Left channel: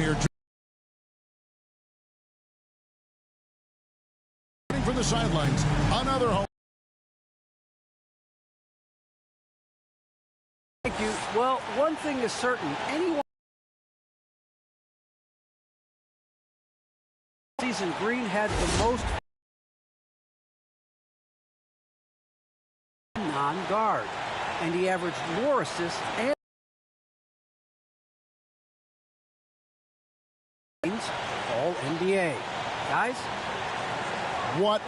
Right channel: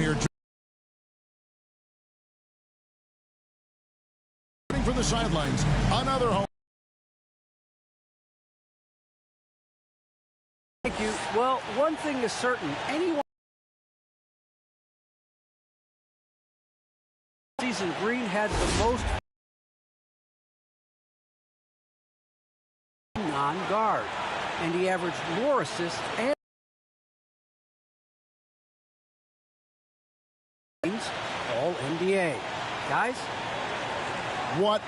here. From the sidelines, another home. Thank you. Well, one thing is certain. Anyone season Green had the most non-guard, and he averaged more assists and all NBA. Guys, what?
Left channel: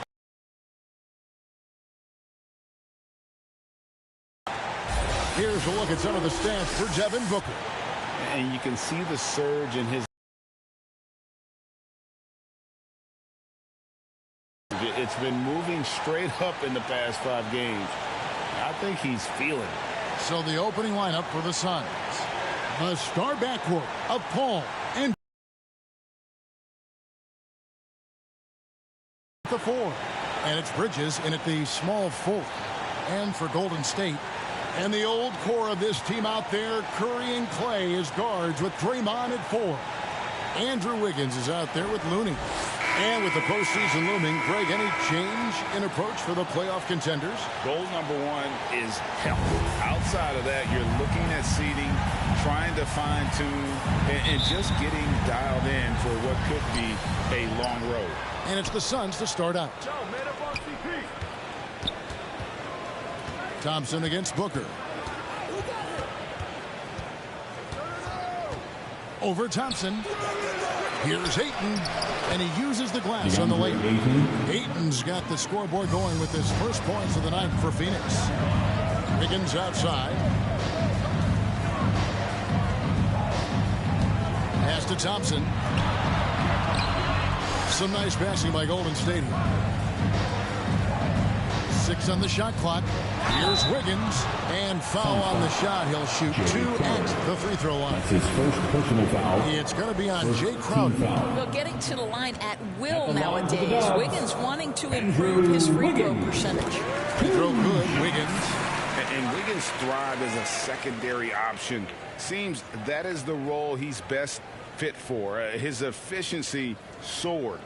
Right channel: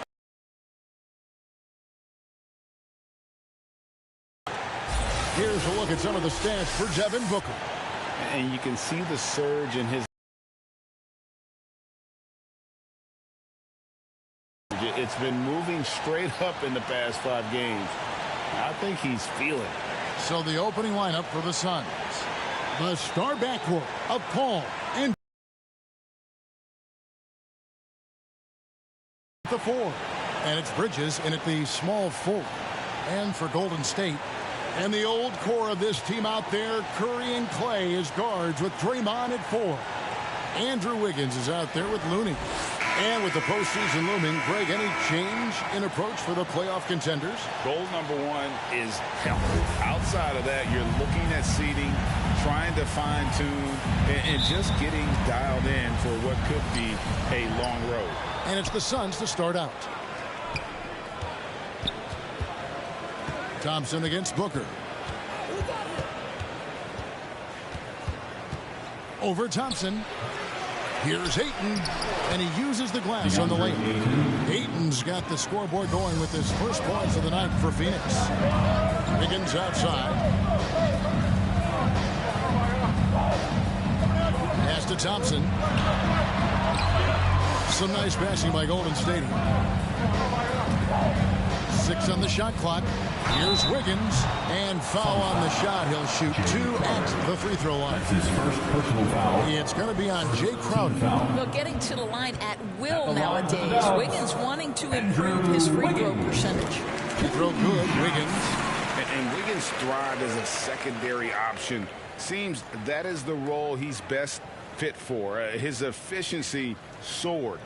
Here's a look at some of the stats for Devin Booker. And you can see the surge in his. It's been moving straight up in the past 5 games. I think he's feeling it. So the opening lineup for the Suns. The star backcourt of Paul and the 4. And it's Bridges in at the small 4. And for Golden State. And the old core of this team out there, Curry and Clay as guards with Draymond at 4. Andrew Wiggins is out there with Looney. And with the postseason looming, Greg, any change in approach for the playoff contenders? Goal number 1 is health. Outside of that, you're looking at seeding, trying to fine-tune, and just getting dialed in for what could be a long road. And it's the Suns to start out. Thompson against Booker. Over Thompson. Here's Ayton, and he uses the glass on the layup. Ayton's got the scoreboard going with his first points of the night for Phoenix. Wiggins outside. Pass to Thompson. Some nice passing by Golden State. 6 on the shot clock. Here's Wiggins, and foul on the shot. He'll shoot 2 at the free throw line. That's his first personal foul. It's going to be on Jay Crowder. Well, getting to the line at will nowadays. Wiggins wanting to improve his free throw percentage. Free throw good, Wiggins. And Wiggins thrived as a secondary option. Seems that is the role he's best fit for. His efficiency soared.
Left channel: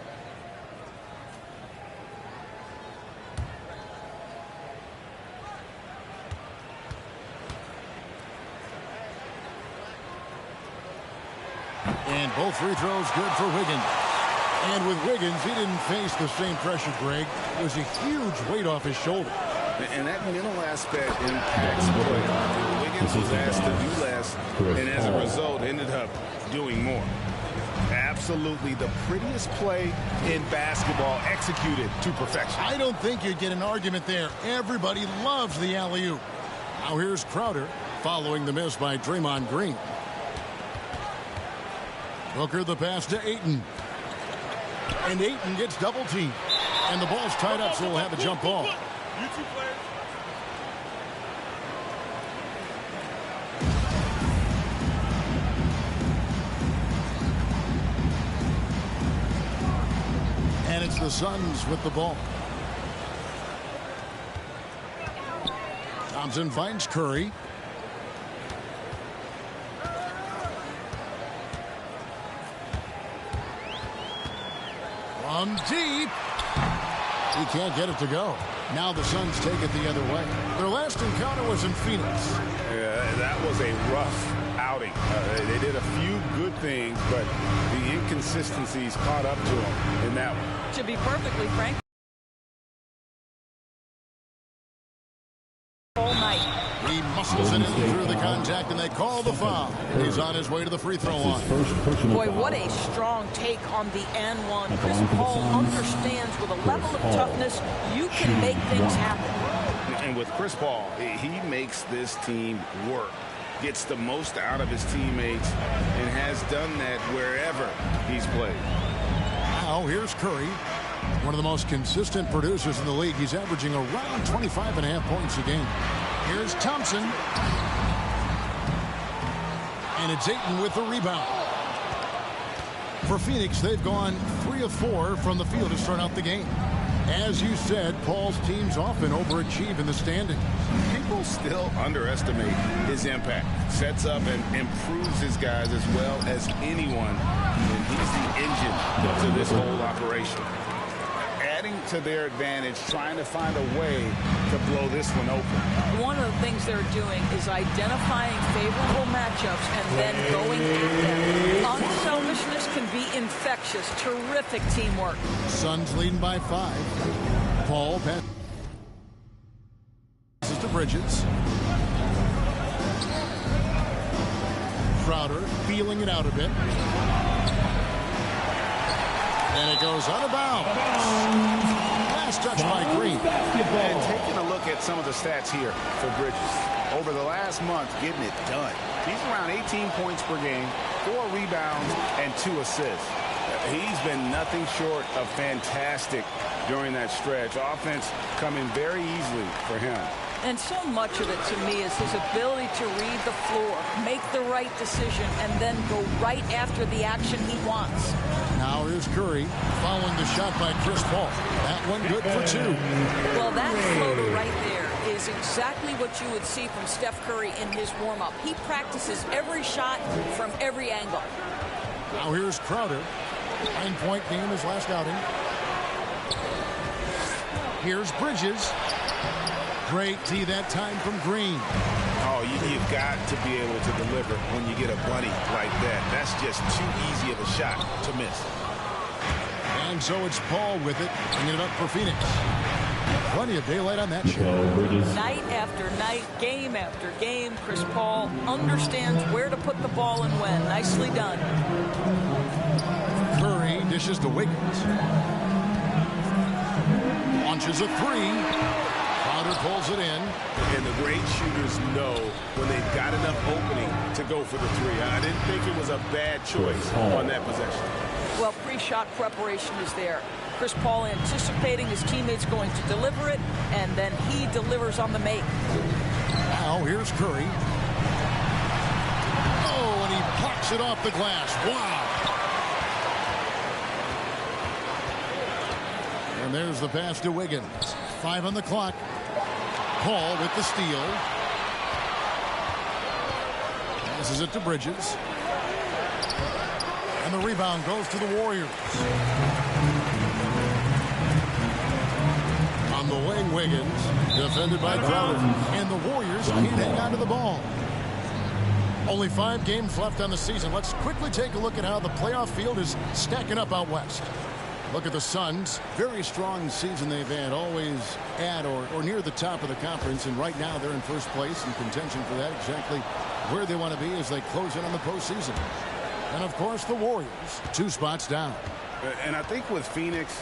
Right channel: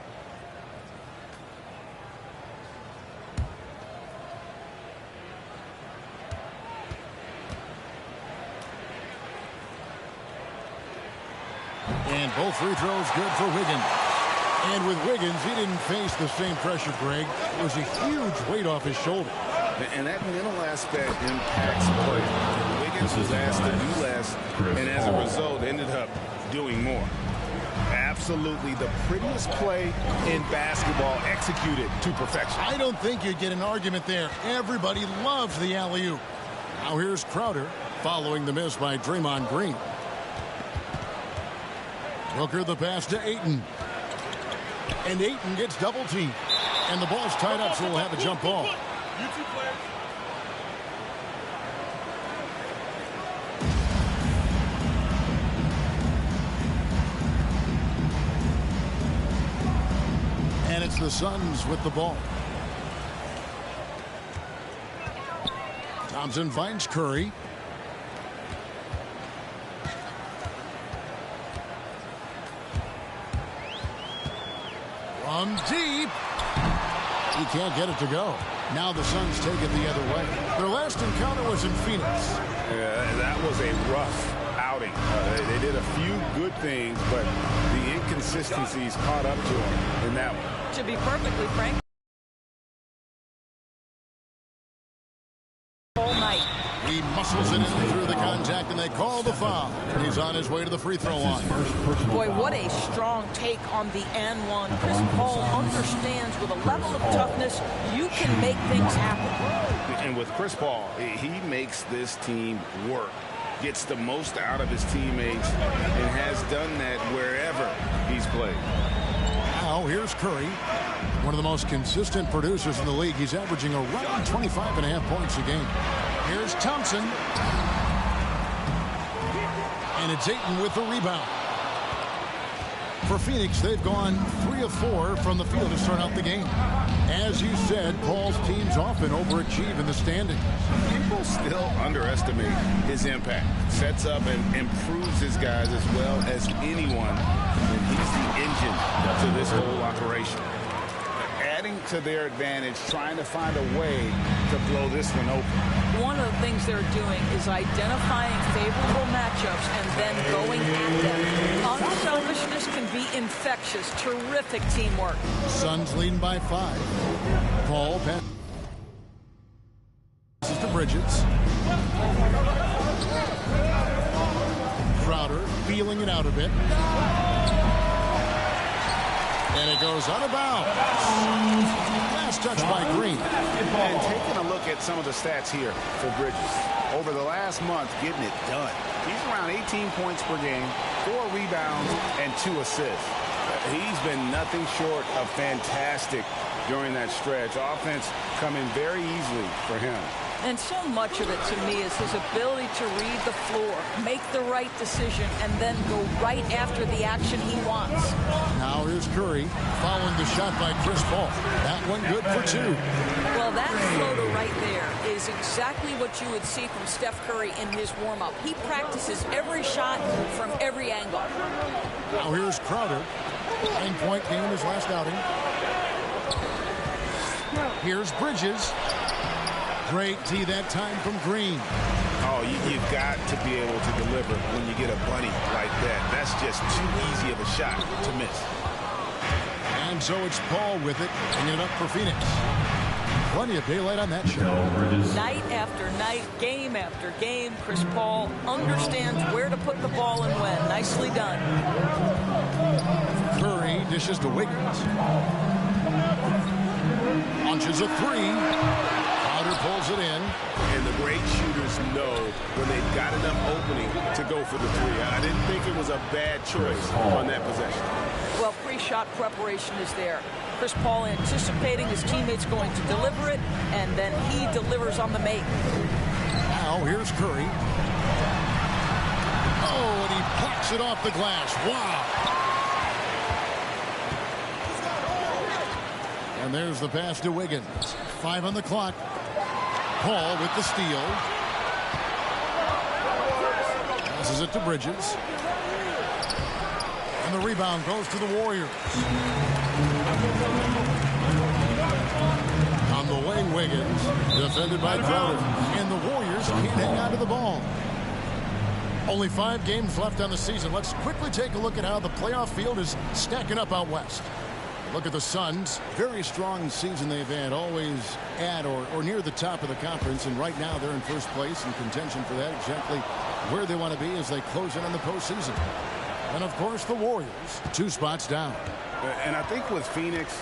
And both free throws good for Wiggins. And with Wiggins, he didn't face the same pressure, Greg. It was a huge weight off his shoulder. And that mental aspect impacts play. Wiggins was asked to do less, and as a result, ended up doing more. Absolutely the prettiest play in basketball, executed to perfection. I don't think you'd get an argument there. Everybody loves the alley-oop. Now here's Crowder following the miss by Draymond Green. Booker the pass to Ayton. And Ayton gets double teamed. And the ball's tied up, so we'll have a jump ball. You two players. And it's the Suns with the ball. Thompson finds Curry. From deep. He can't get it to go. Now the Suns take it the other way. Their last encounter was in Phoenix. That was a rough outing. They did a few good things, but the inconsistencies caught up to them in that one. To be perfectly frank, all night. He muscles it in through the contact, and they call the foul. He's on his way to the free throw line. Boy, what a strong take on the N1. Chris Paul understands with a level of toughness, you can make things happen. And with Chris Paul, he makes this team work. Gets the most out of his teammates and has done that wherever he's played. Now here's Curry, one of the most consistent producers in the league. He's averaging around 25.5 points a game. Here's Thompson. And it's Ayton with the rebound. For Phoenix, they've gone 3 of 4 from the field to start out the game. As you said, Paul's teams often overachieve in the standings. People still underestimate his impact. Sets up and improves his guys as well as anyone, and he's the engine to this whole operation. Adding to their advantage, trying to find a way to blow this one open. One of the things they're doing is identifying favorable matchups and then going at them. Unselfishness can be infectious. Terrific teamwork. Suns leading by 5. Paul passes to Bridges. Crowder feeling it out a bit. And it goes out of bounds. Last touch by Green. And taking a look at some of the stats here for Bridges. Over the last month, getting it done. He's around 18 points per game, 4 rebounds, and 2 assists. He's been nothing short of fantastic during that stretch. Offense coming very easily for him. And so much of it, to me, is his ability to read the floor, make the right decision, and then go right after the action he wants. Now here's Curry following the shot by Chris Paul. That one good for 2. Well, that floater right there is exactly what you would see from Steph Curry in his warm-up. He practices every shot from every angle. Now here's Crowder. 9-point game his last outing. Here's Bridges. Great tee that time from Green. Oh, you've got to be able to deliver when you get a bunny like that. That's just too easy of a shot to miss. And so it's Paul with it, bringing it up for Phoenix. Plenty of daylight on that shot. Night after night, game after game, Chris Paul understands where to put the ball and when. Nicely done. Curry dishes to Wiggins. Launches a 3. Crowder pulls it in. And the great shooters know when they've got enough opening to go for the 3. I didn't think it was a bad choice on that possession. Well, pre-shot preparation is there. Chris Paul anticipating his teammates going to deliver it, and then he delivers on the make. Now here's Curry. Oh, and he plucks it off the glass. Wow. And there's the pass to Wiggins. 5 on the clock. Paul with the steal. Passes it to Bridges. And the rebound goes to the Warriors. On the wing, Wiggins. Defended by Crowder. And the Warriors can't hang on to the ball. Only 5 games left on the season. Let's quickly take a look at how the playoff field is stacking up out west. Look at the Suns. Very strong season they've had, always at or near the top of the conference, and right now they're in first place in contention for that, exactly where they want to be as they close in on the postseason. And of course the Warriors, 2 spots down. And I think with Phoenix,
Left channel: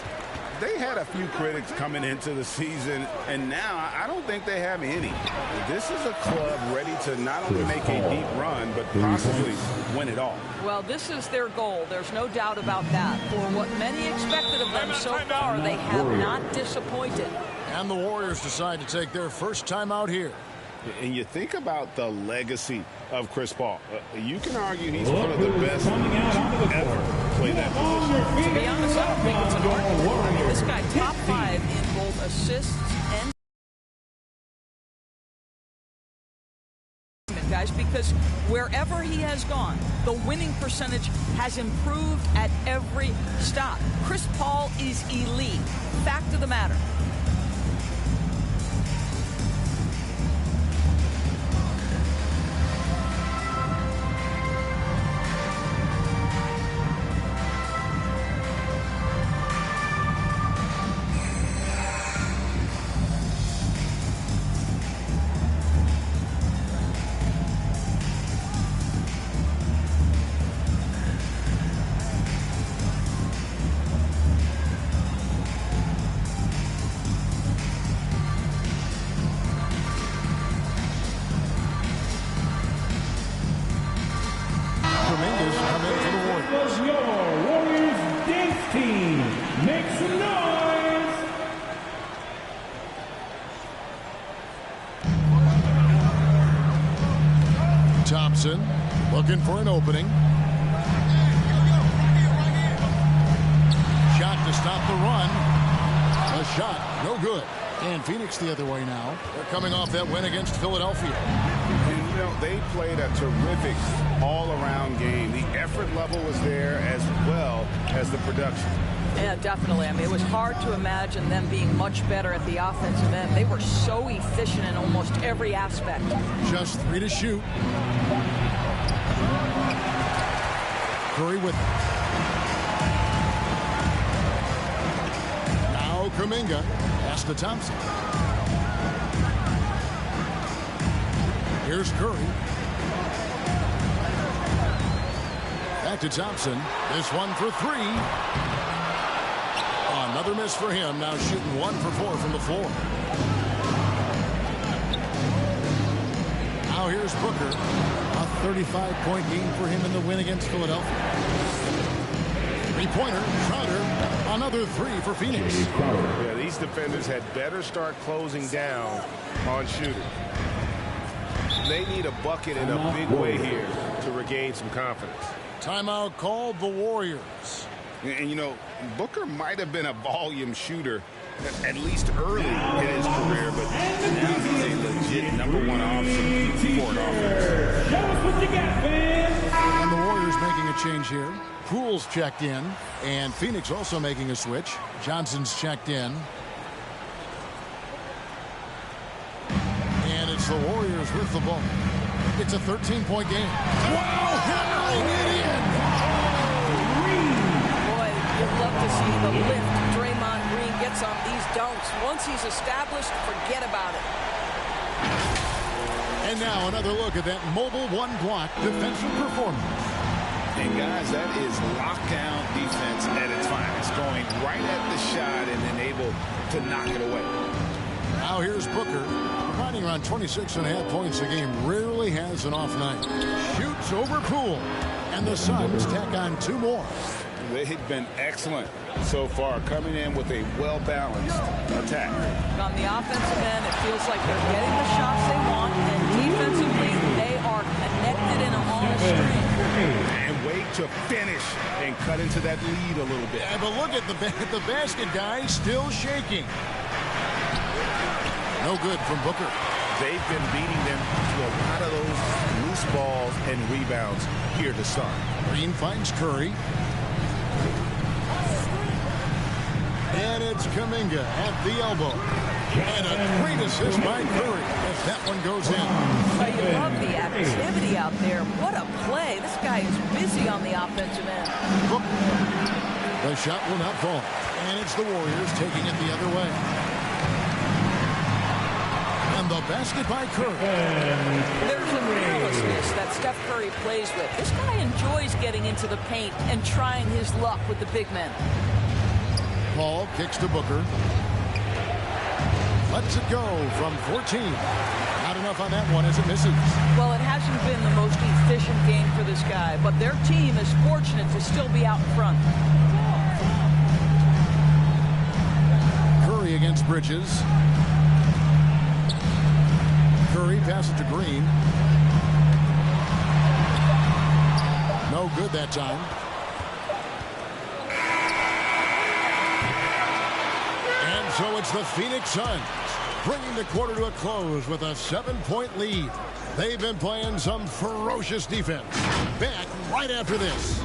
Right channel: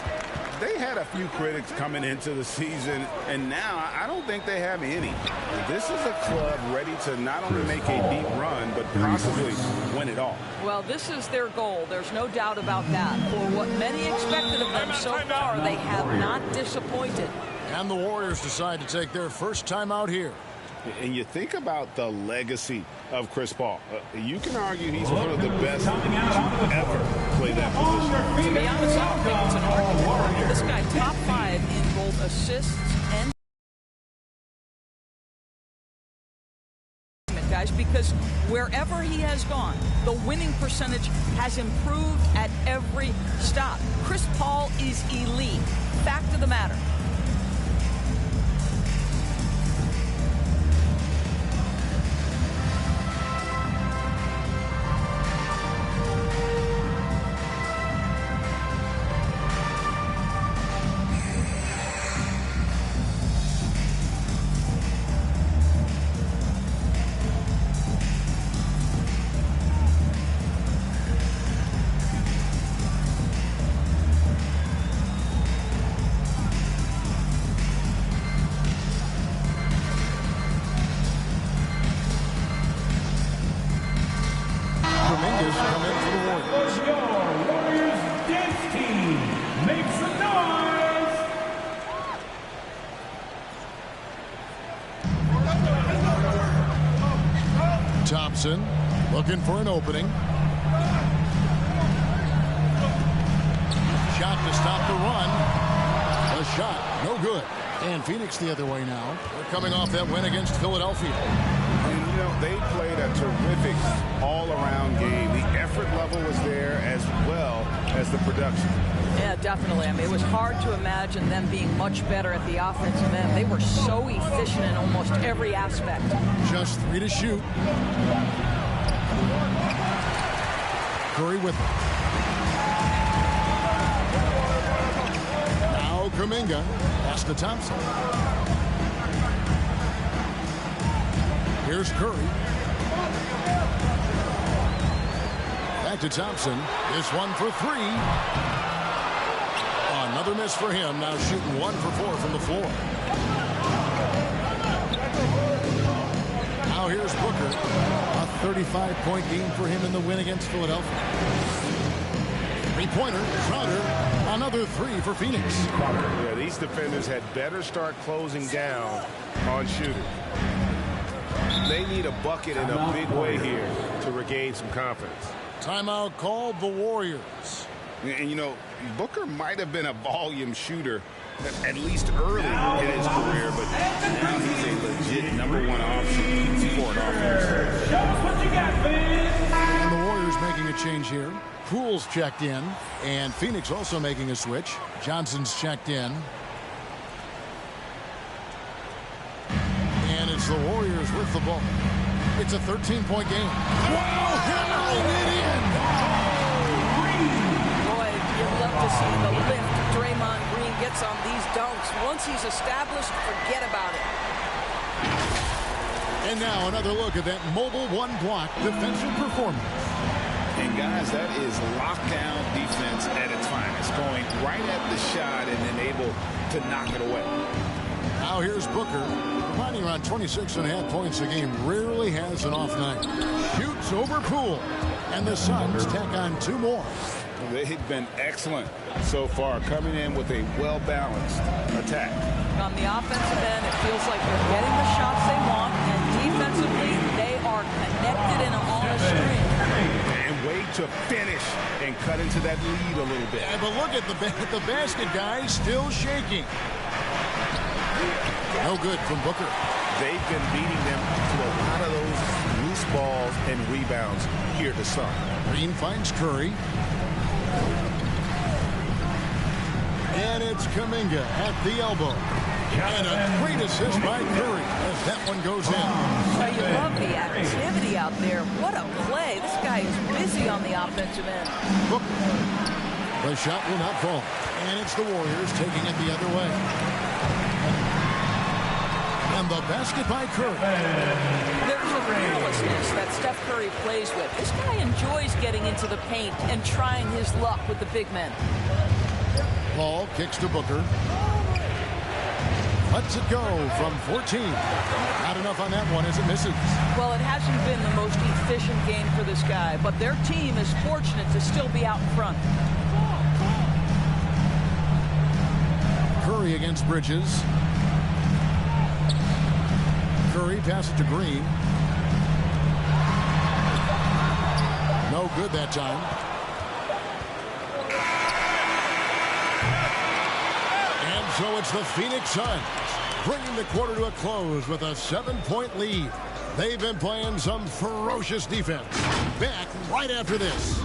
they had a few critics coming into the season, and now I don't think they have any. This is a club ready to not only make a deep run, but possibly win it all. Well, this is their goal. There's no doubt about that. For what many expected of them so far, they have not disappointed. And the Warriors decide to take their first time out here. And you think about the legacy of Chris Paul. You can argue he's one of the best to ever play that position. To be honest, I don't think it's an argument. I mean, this guy top 5 in both assists and guys, because wherever he has gone, the winning percentage has improved at every stop. Chris Paul is elite. Fact of the matter. Thompson looking for an opening. Shot to stop the run. A shot, no good. And Phoenix the other way now. They're coming off that win against Philadelphia. And, you know, they played a terrific all-around game. The effort level was there as well as the production. Yeah, definitely. I mean, it was hard to imagine them being much better at the offensive end. They were so efficient in almost every aspect. Just 3 to shoot. Curry with it. Now Kuminga. Pass to Thompson. Here's Curry. Back to Thompson. This one for 3. Another miss for him. Now shooting 1 for 4 from the floor. Now here's Booker. A 35-point game for him in the win against Philadelphia. Three-pointer. Crowder. Another 3 for Phoenix. Yeah, these defenders had better start closing down on shooters. They need a bucket in a big way here to regain some confidence. Timeout called the Warriors. And, you know, Booker might have been a volume shooter at least early in his career, but now he's a legit #1 option for an offense. Show us what you got, man. And the Warriors making a change here. Poole's checked in, and Phoenix also making a switch. Johnson's checked in. And it's the Warriors with the ball. It's a 13-point game. Wow, hammering it in. Boy, you'd love to see the lift Draymond Green gets on these dunks. Once he's established, forget about it. And now another look at that mobile one-block defensive performance. And, guys, that is lockdown defense at its finest, going right at the shot and then able to knock it away. Now here's Booker, providing around 26.5 points a game. Rarely has an off night. Shoots over Poole. And the Suns tack on 2 more. They've been excellent so far, coming in with a well-balanced attack. On the offensive end, it feels like they're getting the shots they want, and defensively, they are connected and on a string. And wait to finish and cut into that lead a little bit. Yeah, but look at the basket, guys, still shaking. No good from Booker. They've been beating them to a lot of those loose balls and rebounds here to start. Green finds Curry. And it's Kuminga at the elbow. And a great assist by Curry as that one goes in. Well, you love the activity out there. What a play. This guy is busy on the offensive end. Booker. The shot will not fall. And it's the Warriors taking it the other way. And the basket by Curry. There's a fearlessness that Steph Curry plays with. This guy enjoys getting into the paint and trying his luck with the big men. Paul kicks to Booker. Lets it go from 14. Not enough on that one as it misses. Well, it hasn't been the most efficient game for this guy, but their team is fortunate to still be out in front. Curry against Bridges. Curry passes it to Green. No good that time. And so it's the Phoenix Suns bringing the quarter to a close with a 7-point lead. They've been playing some ferocious defense. Back right after this.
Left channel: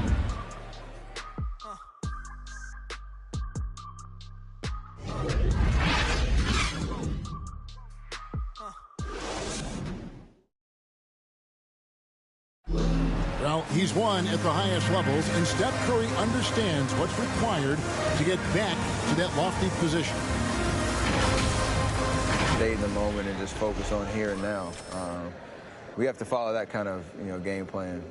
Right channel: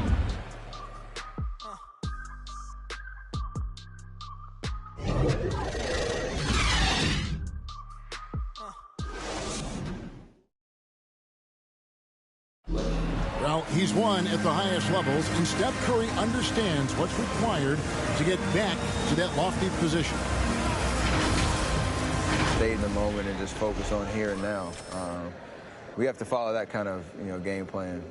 Well, he's won at the highest levels, and Steph Curry understands what's required to get back to that lofty position. Stay in the moment and just focus on here and now. We have to follow that kind of game plan.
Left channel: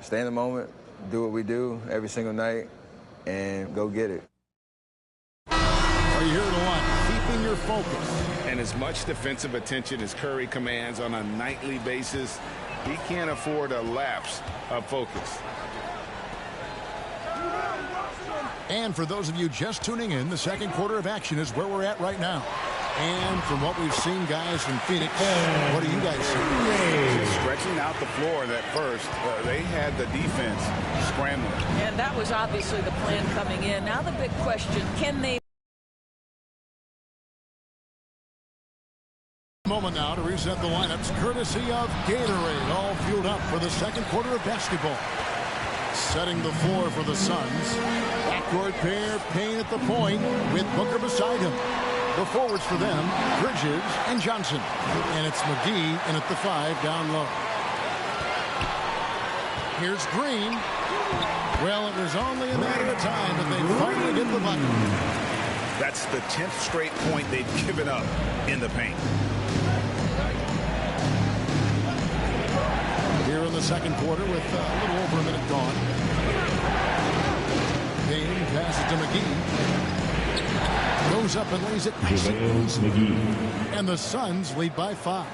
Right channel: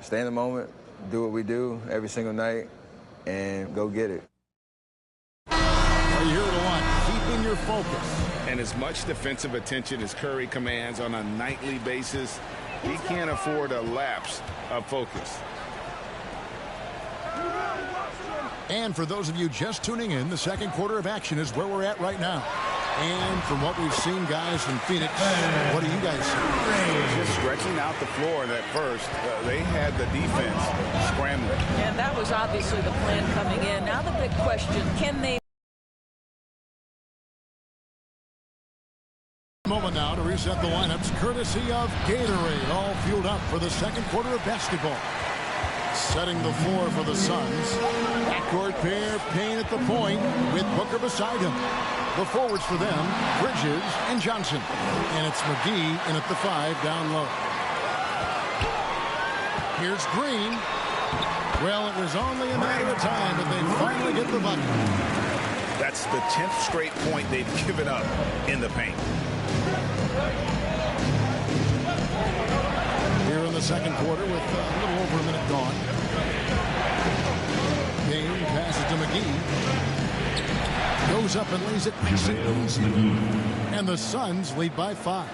Stay in the moment, do what we do every single night, and go get it. Well, you hear it a lot, keeping your focus. And as much defensive attention as Curry commands on a nightly basis, he can't afford a lapse of focus. And for those of you just tuning in, the second quarter of action is where we're at right now. And from what we've seen, guys, from Phoenix, what do you guys see? Just stretching out the floor that first. They had the defense scrambling. And that was obviously the plan coming in. Now the big question, can they Moment now to reset the lineups, courtesy of Gatorade, all fueled up for the second quarter of basketball. Setting the floor for the Suns. Backcourt pair, Payne at the point with Booker beside him. The forwards for them, Bridges and Johnson. And it's McGee in at the 5 down low. Here's Green. Well, it was only a matter of time that they finally get the bucket. That's the 10th straight point they've given up in the paint. Here in the second quarter with a little over a minute gone. Payne passes to McGee. Goes up and lays it nice and easy. And the Suns lead by 5.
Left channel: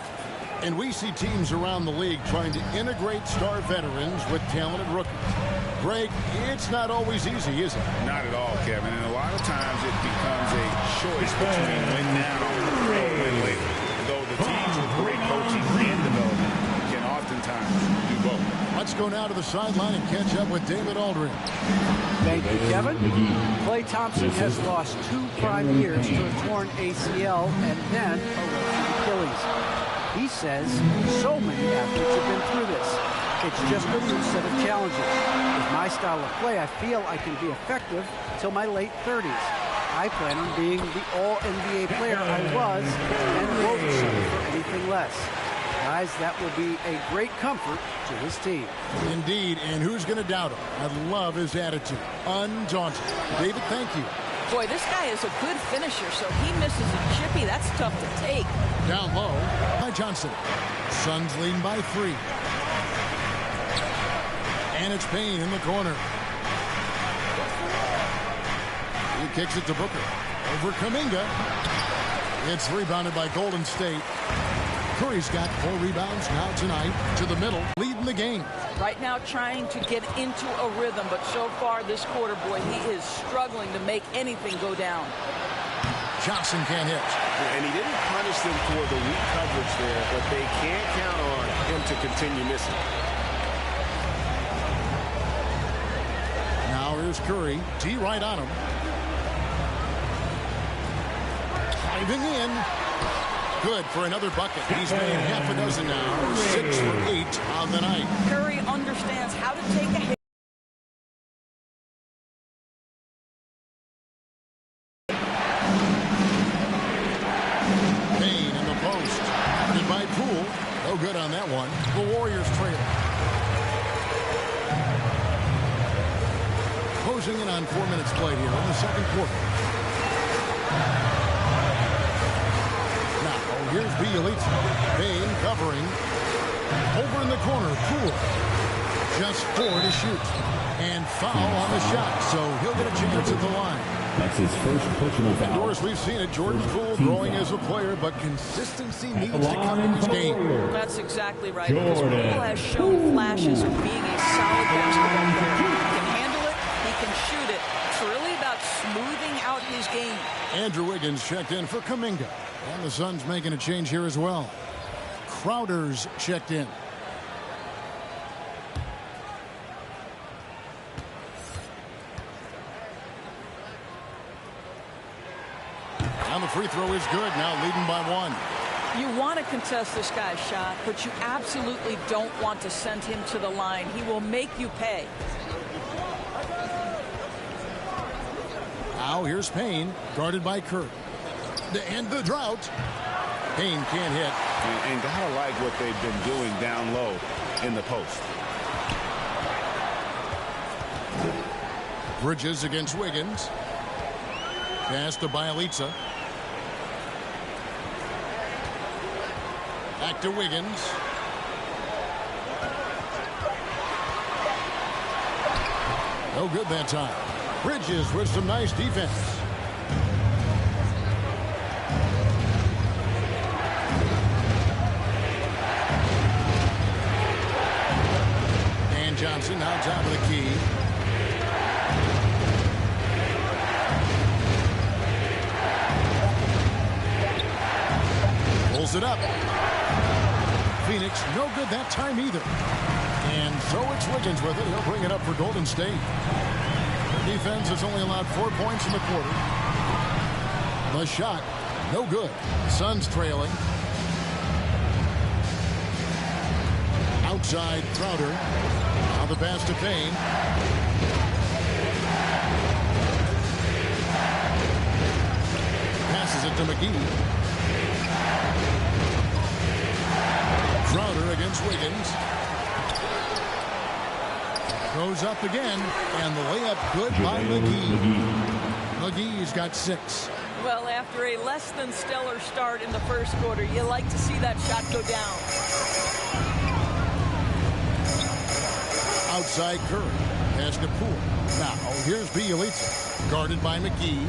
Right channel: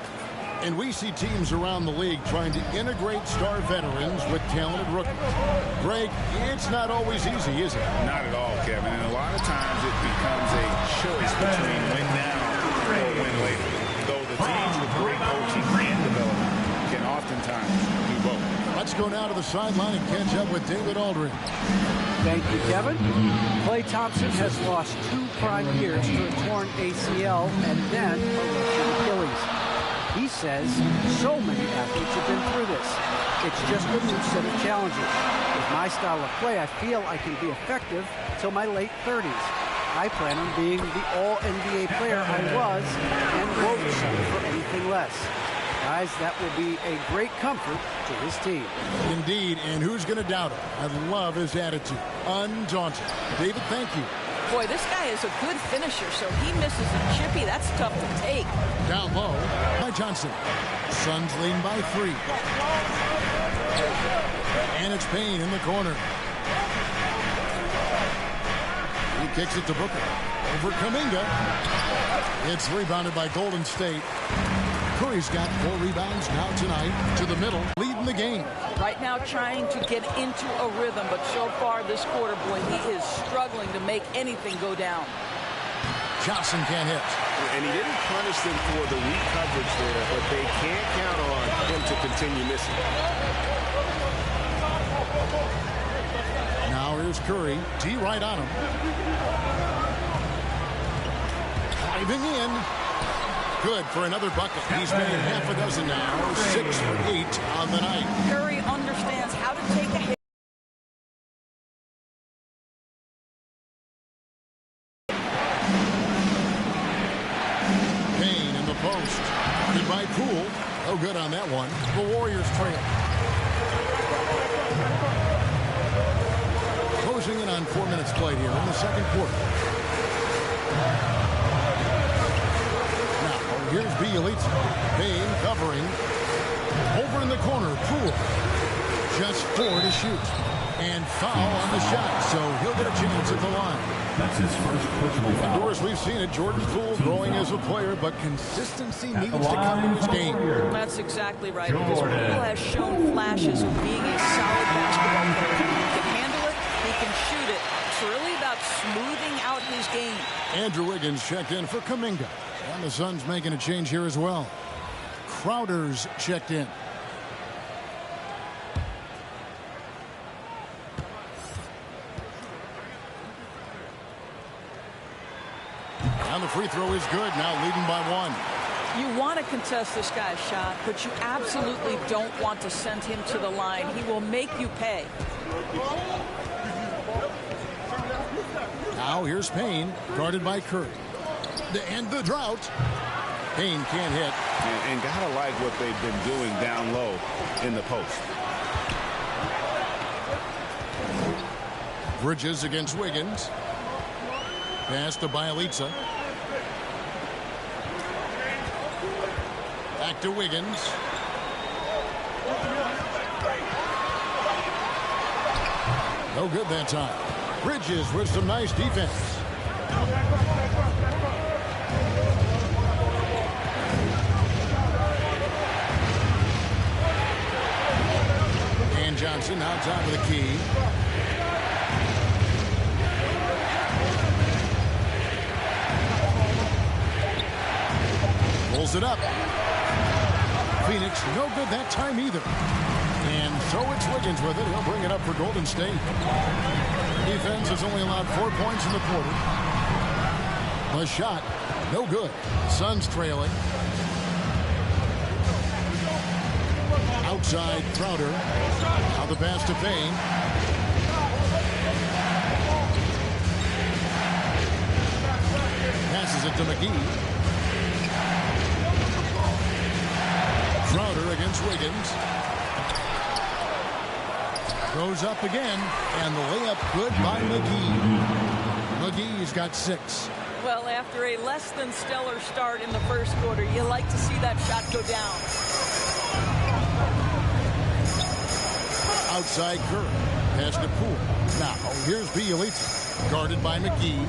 And we see teams around the league trying to integrate star veterans with talented rookies. Greg, it's not always easy, is it? Not at all, Kevin. And a lot of times it becomes a choice between win now or win later. Though the teams with great coaching and development can oftentimes do both. Let's go now to the sideline and catch up with David Aldridge. Thank you, Kevin. Klay Thompson has lost 2 prime years to a torn ACL and then a ruptured Achilles. He says so many athletes have been through this. It's just a new set of challenges. With my style of play, I feel I can be effective till my late 30s. I plan on being the all-NBA player I was and won't settle for anything less. Guys, that will be a great comfort to his team. Indeed, and who's going to doubt him? I love his attitude. Undaunted. David, thank you. Boy, this guy is a good finisher, so he misses a chippy. That's tough to take. Down low by Johnson. Suns leading by 3. And it's Payne in the corner. He kicks it to Booker. Over Kuminga. It's rebounded by Golden State. Curry's got 4 rebounds now tonight to the middle, leading the game. Right now trying to get into a rhythm, but so far this quarter, boy, he is struggling to make anything go down. Johnson can't hit. And he didn't punish them for the weak coverage there, but they can't count on him to continue missing. Now here's Curry. T right on him. Diving in. Good for another bucket. He's made half a dozen now. 6 for 8 on the night. Curry understands how to take a hit. Payne in the post. Guarded by Poole. No good on that one. The Warriors trail. Closing in on 4 minutes played here in the second quarter. Now, here's Bielitsa. Payne covering. Over in the corner, Poole. Just 4 to shoot. And foul on the shot, so he'll get a chance at the line. That's his first personal foul. Doris, we've seen it. Jordan Poole growing as a player, but consistency needs to come to his game. That's exactly right. Because Poole has shown flashes of being a solid basketball player. He can handle it. He can shoot it. It's really about smoothing out his game. Andrew Wiggins checked in for Kuminga. And the Suns making a change here as well. Crowder's checked in. And the free throw is good. Now leading by 1. You want to contest this guy's shot, but you absolutely don't want to send him to the line. He will make you pay. Now here's Payne, guarded by Curry. To end the drought. Payne can't hit. And gotta like what they've been doing down low in the post. Bridges against Wiggins. Pass to Bielitsa. Back to Wiggins. No good that time. Bridges with some nice defense. And Johnson now top of the key. Pulls it up. Phoenix no good that time either. And so it's Wiggins with it. He'll bring it up for Golden State. Their defense has only allowed 4 points in the quarter. The shot, no good. The Suns trailing. Outside Crowder. Now the pass to Payne. Passes it to McGee. Crowder against Wiggins. Goes up again, and the layup good by McGee. McGee's got 6. Well, after a less than stellar start in the first quarter, you like to see that shot go down. Outside Curry. Pass to Poole. Now, here's Bjelica. Guarded by McGee.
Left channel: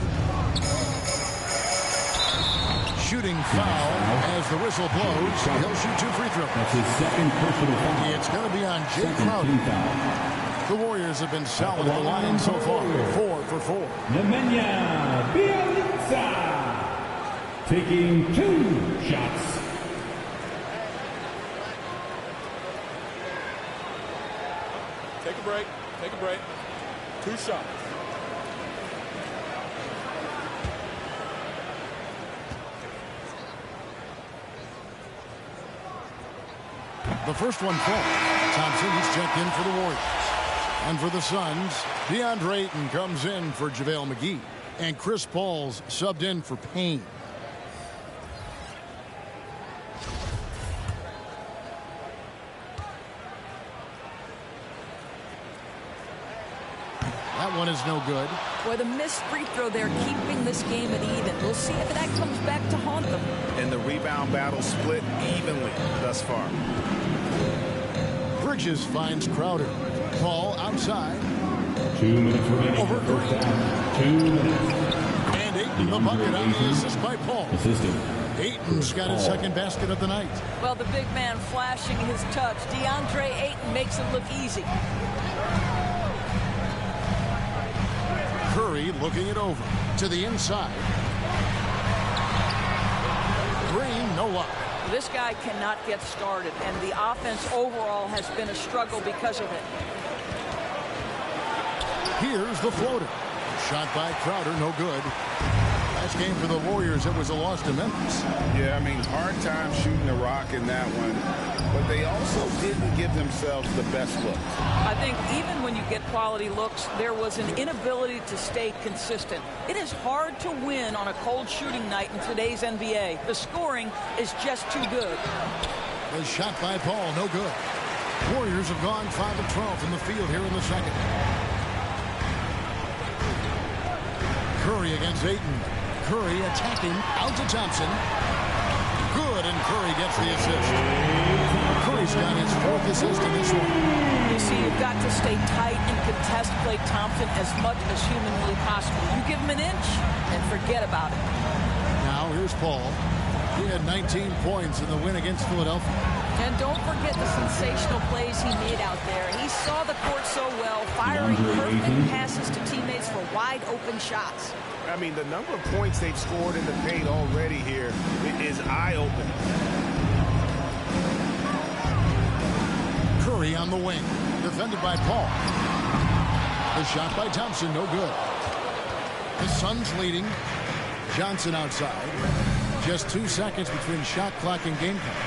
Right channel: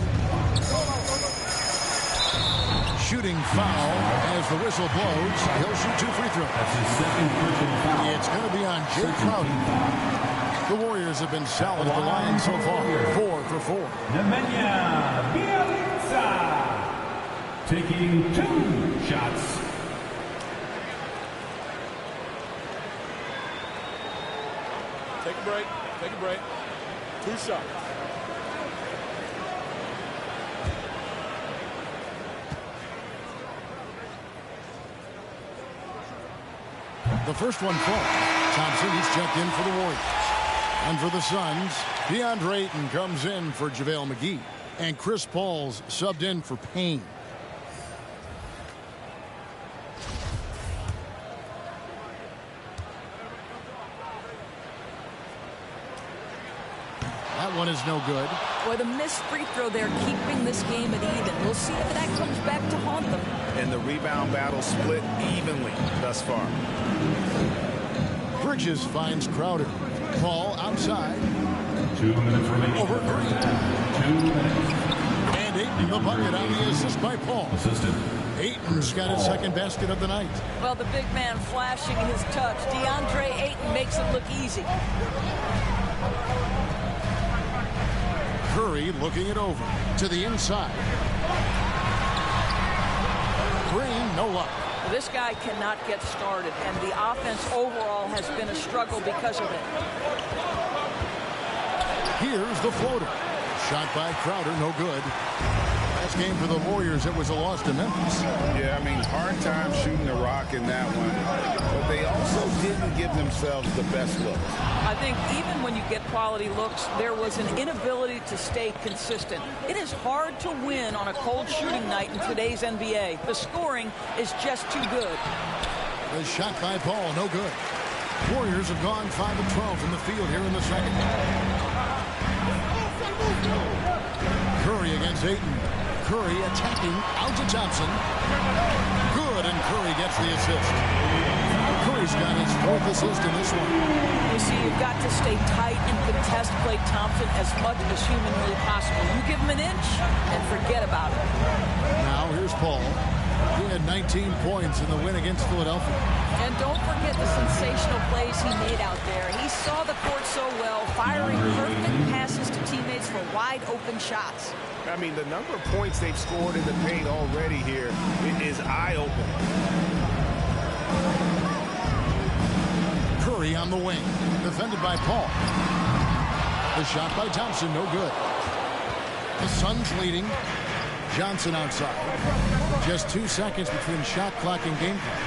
Shooting foul as the whistle blows. He'll shoot 2 free throws. That's his second personal foul. It's going to be on Jay Crowder. The Warriors have been solid at the line so far. 4 for 4. Nemanja Bjelica taking 2 shots. Take a break. Take a break. 2 shots. The first one falls. Thompson, he's checked in for the Warriors. And for the Suns, DeAndre Ayton comes in for JaVale McGee. And Chris Paul's subbed in for Payne. That one is no good. Boy, the missed free throw there keeping this game at even. We'll see if that comes back to haunt them. And the rebound battle split evenly thus far. Bridges finds Crowder. Paul outside. 2 minutes remaining. Over Green. 2 minutes. And Ayton the bucket on the assist by Paul. Assistant. Ayton's got his second basket of the night. Well, the big man flashing his touch. DeAndre Ayton makes it look easy. Curry looking it over to the inside. Green, no luck. This guy cannot get started, and the offense overall has been a struggle because of it. Here's the floater. Shot by Crowder, no good. Last game for the Warriors, it was a loss to Memphis. Yeah, I mean, hard time shooting the rock in that one. But they also didn't give themselves the best looks. I think even when you get quality looks, there was an inability to stay consistent. It is hard to win on a cold shooting night in today's NBA. The scoring is just too good. The shot by Paul, no good. Warriors have gone 5 of 12 from the field here in the second. Curry against Ayton. Curry attacking out to Thompson. Good, and Curry gets the assist. Curry's got his 4th assist in this one. You see, you've got to stay tight and contest Klay Thompson as much as humanly possible. You give him an inch and forget about it. Now here's Paul. He had 19 points in the win against Philadelphia. And don't forget the sensational plays he made out there. He saw the court so well, firing perfect passes to teammates for wide open shots. I mean, the number of points they've scored in the paint already here is eye-opening. Curry on the wing, defended by Paul. The shot by Thompson, no good. The Suns leading. Johnson outside. Just 2 seconds between shot clock and game clock.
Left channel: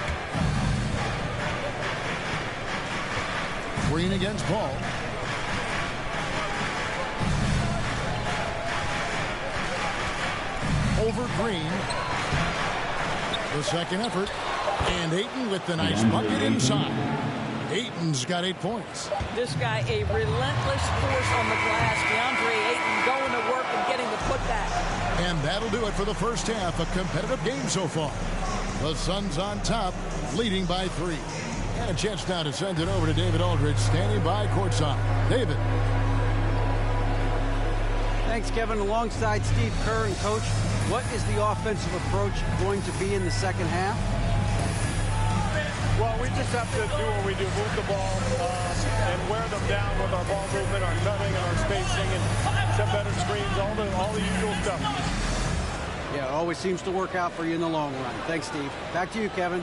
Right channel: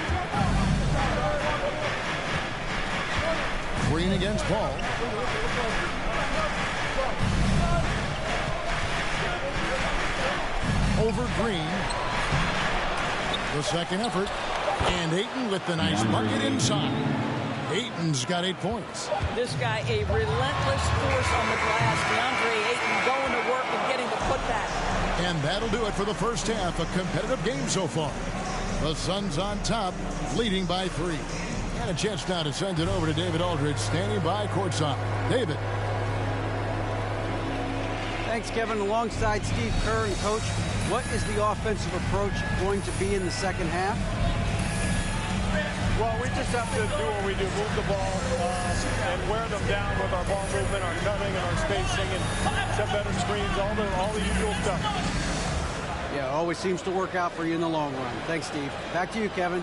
Green against Paul. Over Green. The second effort. And Ayton with the nice bucket inside. Ayton's got 8 points. This guy, a relentless force on the glass. DeAndre Ayton going to work and getting the putback. And that'll do it for the first half. A competitive game so far. The Suns on top, leading by 3. And a chance now to send it over to David Aldridge, standing by courtside. David. Thanks, Kevin. Alongside Steve Kerr and Coach, what is the offensive approach going to be in the second half? Well, we just have to do what we do, move the ball and wear them down with our ball movement, our cutting, and our spacing, and set better screens, all the usual stuff. Yeah, it always seems to work out for you in the long run. Thanks, Steve. Back to you, Kevin.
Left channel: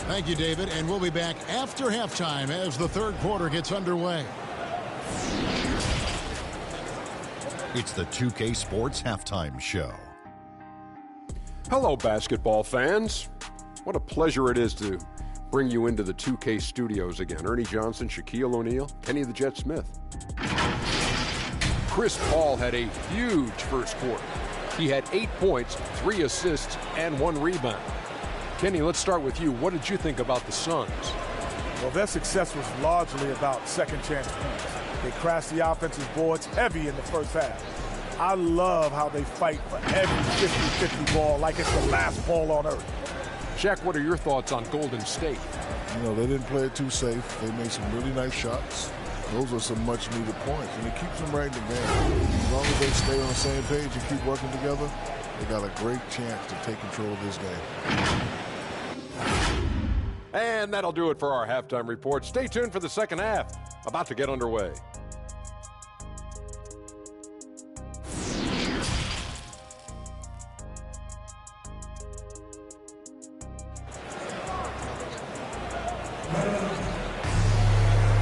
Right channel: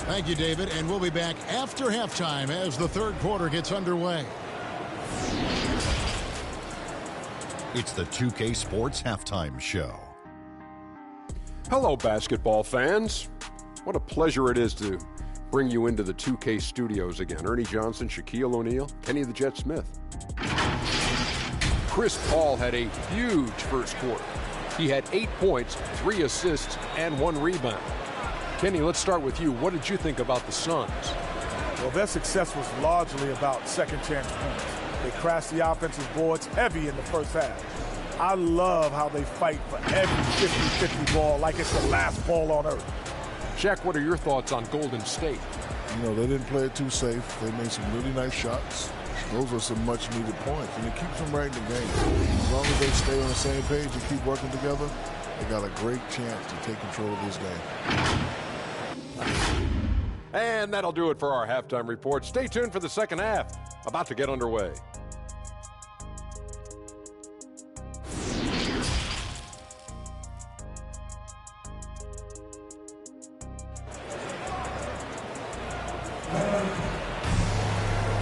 Thank you, David, and we'll be back after halftime as the third quarter gets underway. It's the 2K Sports Halftime Show. Hello, basketball fans. What a pleasure it is to bring you into the 2K studios again. Ernie Johnson, Shaquille O'Neal, Kenny the Jet Smith. Chris Paul had a huge first quarter. He had 8 points, 3 assists, and 1 rebound. Kenny, let's start with you. What did you think about the Suns? Well, their success was largely about second chance points. They crashed the offensive boards heavy in the first half. I love how they fight for every 50-50 ball like it's the last ball on earth. Shaq, what are your thoughts on Golden State? You know, they didn't play it too safe. They made some really nice shots. Those are some much-needed points, and it keeps them right in the game. As long as they stay on the same page and keep working together, they got a great chance to take control of this game. And that'll do it for our halftime report. Stay tuned for the second half, about to get underway.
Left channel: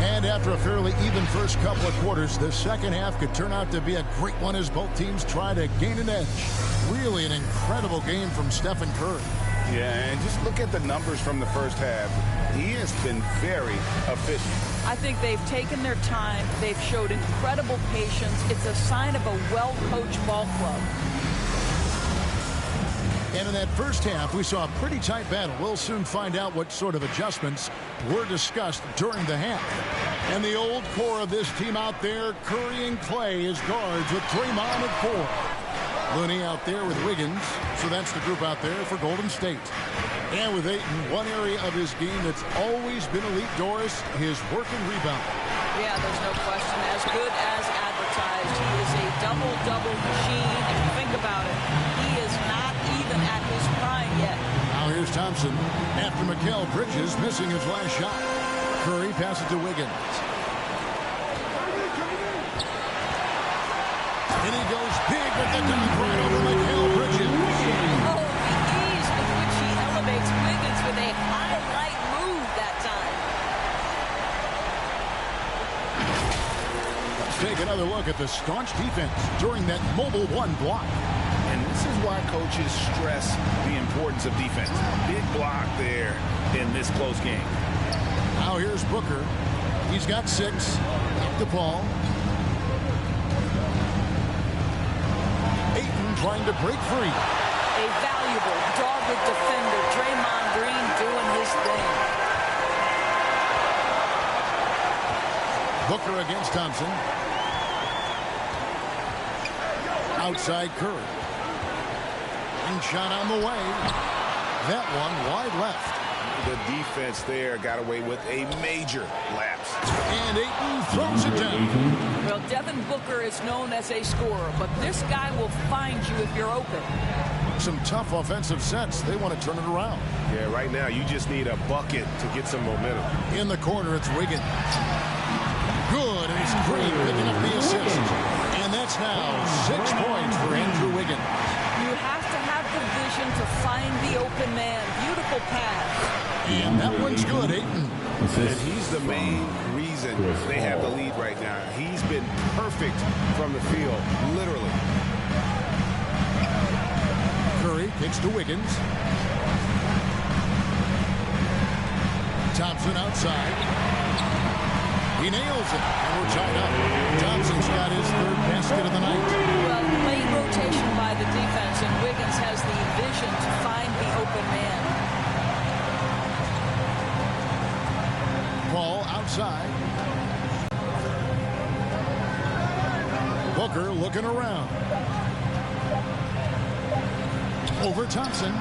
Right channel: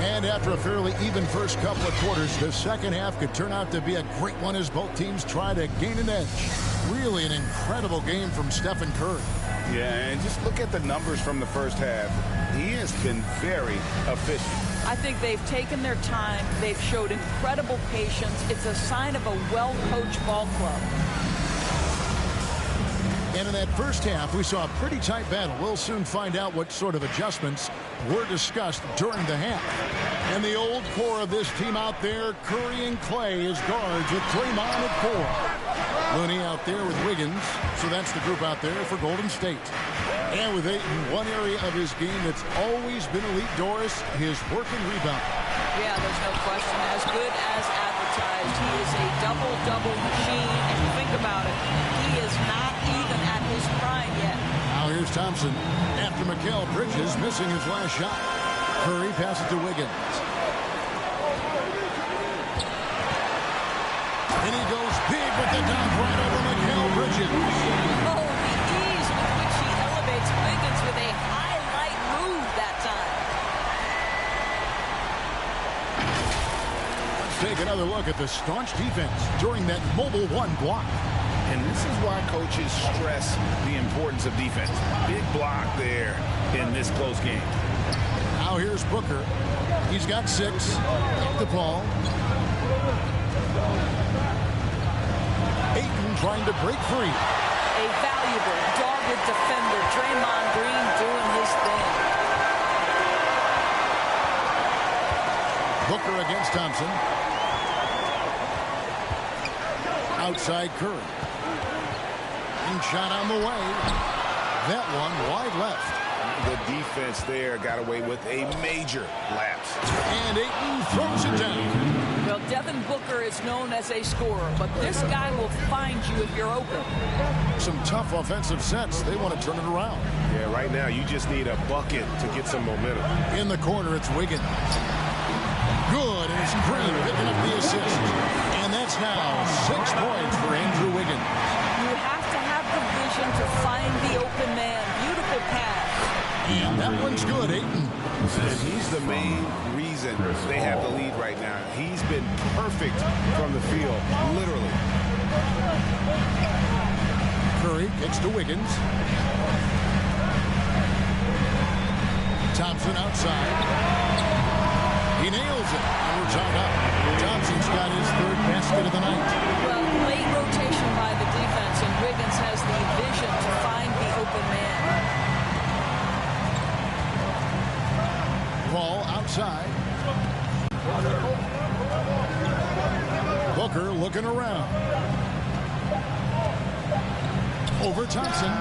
And after a fairly even first couple of quarters, the second half could turn out to be a great one as both teams try to gain an edge. Really an incredible game from Stephen Curry. Yeah, and just look at the numbers from the first half. He has been very efficient. I think they've taken their time. They've showed incredible patience. It's a sign of a well-coached ball club. And in that first half, we saw a pretty tight battle. We'll soon find out what sort of adjustments were discussed during the half. And the old core of this team out there, Curry and Clay as guards with Draymond at 4. Looney out there with Wiggins. So that's the group out there for Golden State. And with Ayton, one area of his game that's always been elite, Doris, his work and rebound. Yeah, there's no question. As good as advertised. He is a double-double machine. If you think about it, he is not even at his prime yet. Now here's Thompson after Mikal Bridges missing his last shot. Curry passes to Wiggins. And he goes big with the dunk right over Mikal Bridges. Oh, the ease with which he elevates Wiggins with a highlight move that time. Let's take another look at the staunch defense during that mobile one block. And this is why coaches stress the importance of defense. Big block there in this close game. Now here's Booker. He's got 6. Up to Paul. Ayton trying to break free. A valuable, dogged defender. Draymond Green doing his thing. Booker against Thompson. Outside Curry. And shot on the way. That one wide left. The defense there got away with a major lapse. And Ayton throws it down. Well, Devin Booker is known as a scorer, but this guy will find you if you're open. Some tough offensive sets. They want to turn it around. Yeah, right now you just need a bucket to get some momentum. In the corner, it's Wiggins. Good, and it's Green picking up the assist. And that's now 6 points for Andrew Wiggins. You have to have the vision to find the open man. Beautiful pass. And that one's good, Ayton. And he's the main reason they have the lead right now. He's been perfect from the field, literally. Curry kicks to Wiggins. Thompson outside. He nails it, and we're tied up. Thompson's got his 3rd basket of the night. Well, late rotation by the defense, and Wiggins has the vision to find the open man. Paul outside. Booker looking around. Over Thompson.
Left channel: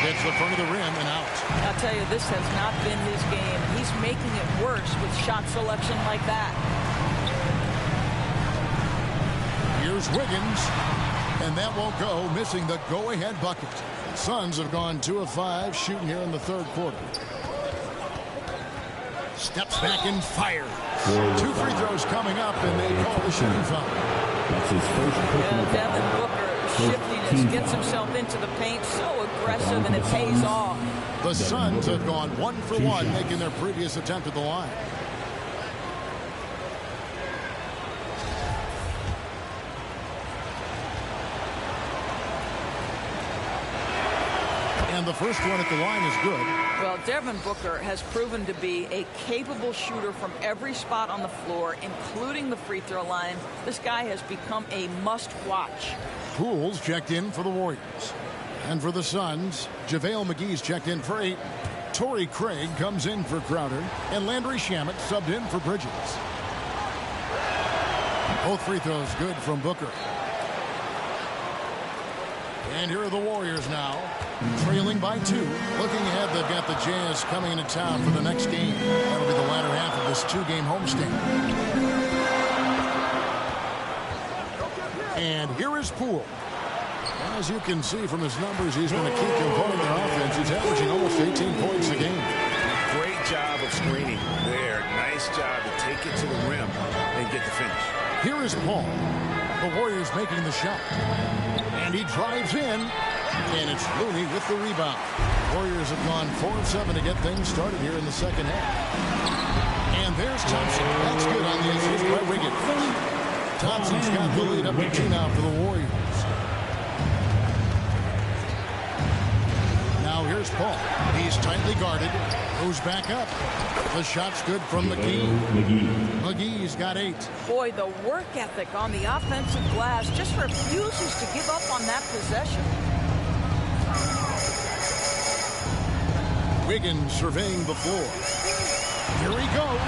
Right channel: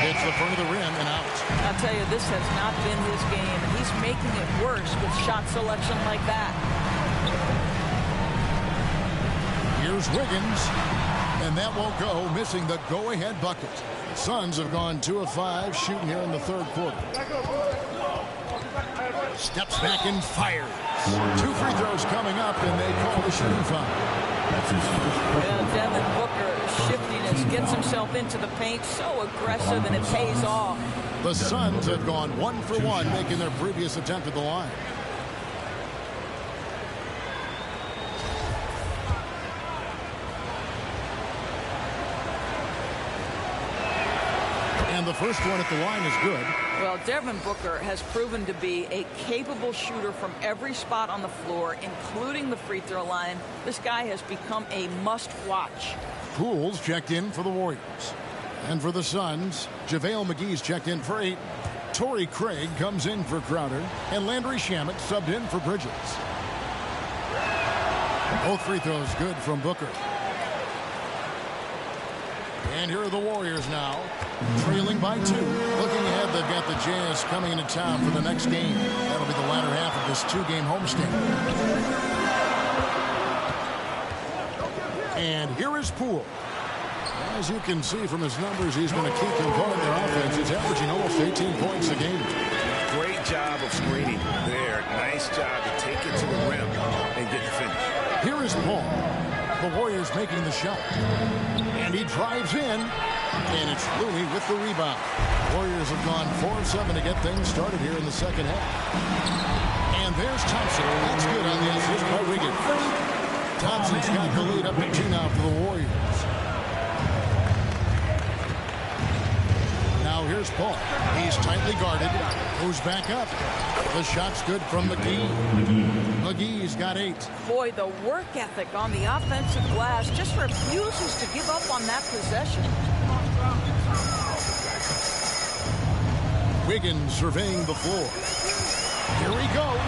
Hits the front of the rim and out. I'll tell you, this has not been his game, and he's making it worse with shot selection like that. Here's Wiggins, and that won't go, missing the go-ahead bucket. The Suns have gone 2 of 5 shooting here in the 3rd quarter. Steps back and fires. 2 free throws coming up, and they call the shooting foul. That's his first. Yeah, Devin Booker, shiftiness, gets himself into the paint, so aggressive, and it pays off. The Suns have gone 1 for 1, making their previous attempt at the line. And the first one at the line is good. Well, Devin Booker has proven to be a capable shooter from every spot on the floor, including the free throw line. This guy has become a must-watch. Poole's checked in for the Warriors. And for the Suns, JaVale McGee's checked in for Ayton. Torrey Craig comes in for Crowder. And Landry Shamet subbed in for Bridges. Both free throws good from Booker. And here are the Warriors now, trailing by 2. Looking ahead, they've got the Jazz coming into town for the next game. That'll be the latter half of this 2-game homestand. And here is Poole. As you can see from his numbers, he's been a key component of their offense. He's averaging almost 18 points a game. Great job of screening there. Nice job to take it to the rim and get the finish. Here is Paul. The Warriors making the shot. And he drives in. And it's Looney with the rebound. Warriors have gone 4 of 7 to get things started here in the second half. And there's Thompson. That's good on the assist by Wiggins. Thompson's got the lead up to 2 now for the Warriors. Now here's Paul. He's tightly guarded. Goes back up. The shot's good from McGee. McGee's got 8. Boy, the work ethic on the offensive glass just refuses to give up on that possession. Wiggins surveying the floor. Here he goes.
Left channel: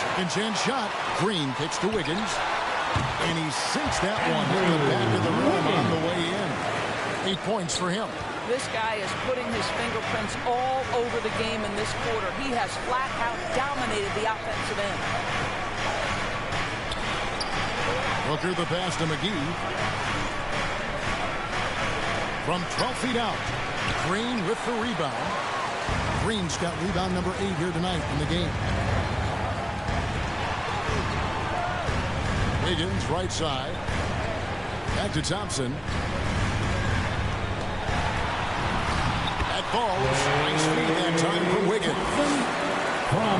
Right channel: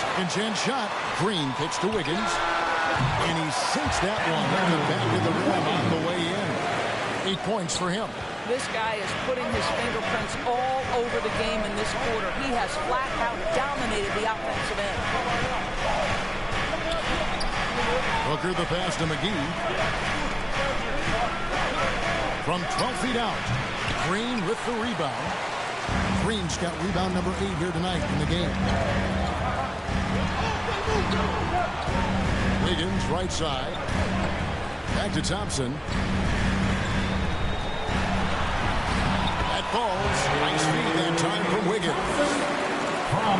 Second chance shot. Green kicks to Wiggins. And he sinks that one in the back of the rim on the way in. 8 points for him. This guy is putting his fingerprints all over the game in this quarter. He has flat out dominated the offensive end. Booker the pass to McGee. From 12 feet out. Green with the rebound. Green's got rebound number 8 here tonight in the game. Wiggins right side. Back to Thompson. That falls. Nice feed that time from Wiggins.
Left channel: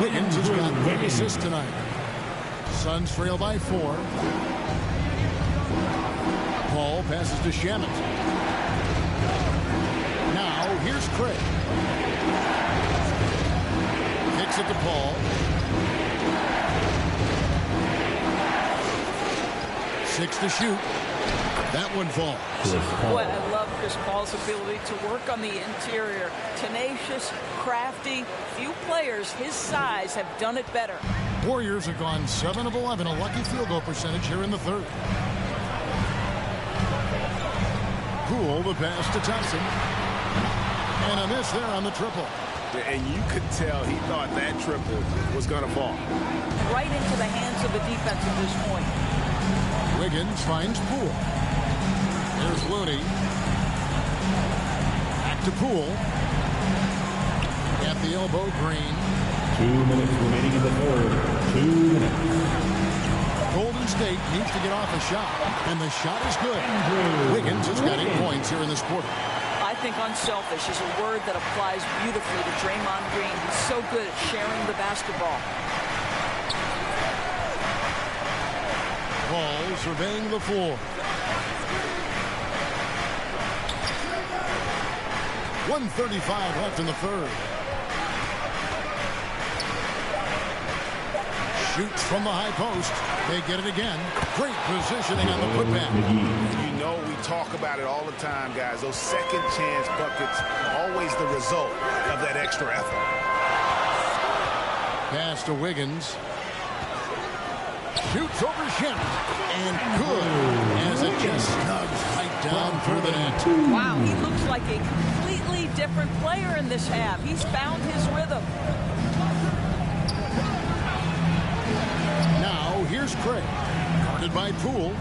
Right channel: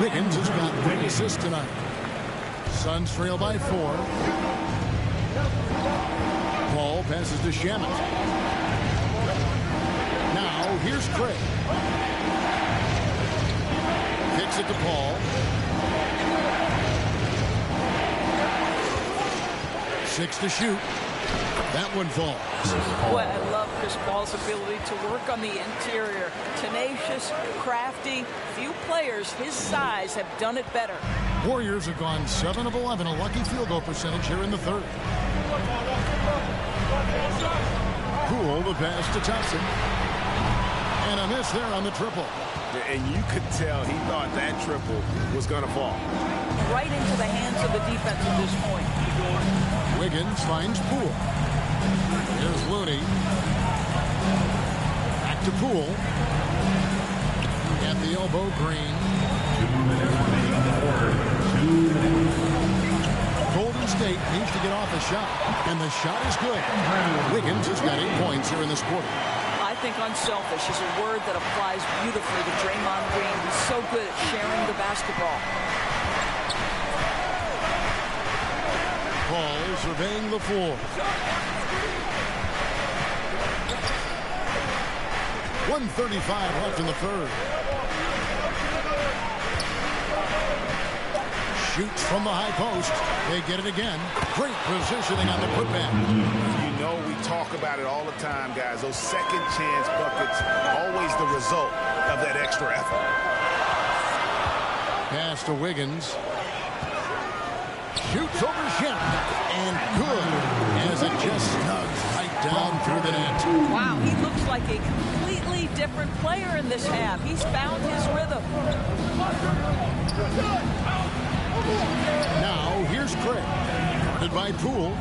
Wiggins has got 3 assists tonight. Suns trail by 4. Paul passes to Shamet. Now here's Craig. Kicks it to Paul. 6 to shoot. That one falls. Boy, I love Chris Paul's ability to work on the interior. Tenacious, crafty. Few players his size have done it better. Warriors have gone 7 of 11, a lucky field goal percentage here in the third. Poole the pass to Thompson. And a miss there on the triple. And you could tell he thought that triple was going to fall. Right into the hands of the defense at this point. Wiggins finds Poole. Here's Looney. Back to Poole. At the elbow, Green. 2 minutes remaining in the third. 2 minutes. Golden State needs to get off a shot. And the shot is good. Wiggins has got 8 points here in this quarter. I think unselfish is a word that applies beautifully to Draymond Green. He's so good at sharing the basketball. Paul surveying the floor. 1:35 left in the third. Shoots from the high post. They get it again. Great positioning on the putback. You know we talk about it all the time, guys. Those second chance buckets, always the result of that extra effort. Pass to Wiggins. Shoots over Shamet. And good as it just snugs right down through the net. Wow, he looks like a completely different player in this half. He's found his rhythm. Now here's Craig. Guarded by Poole.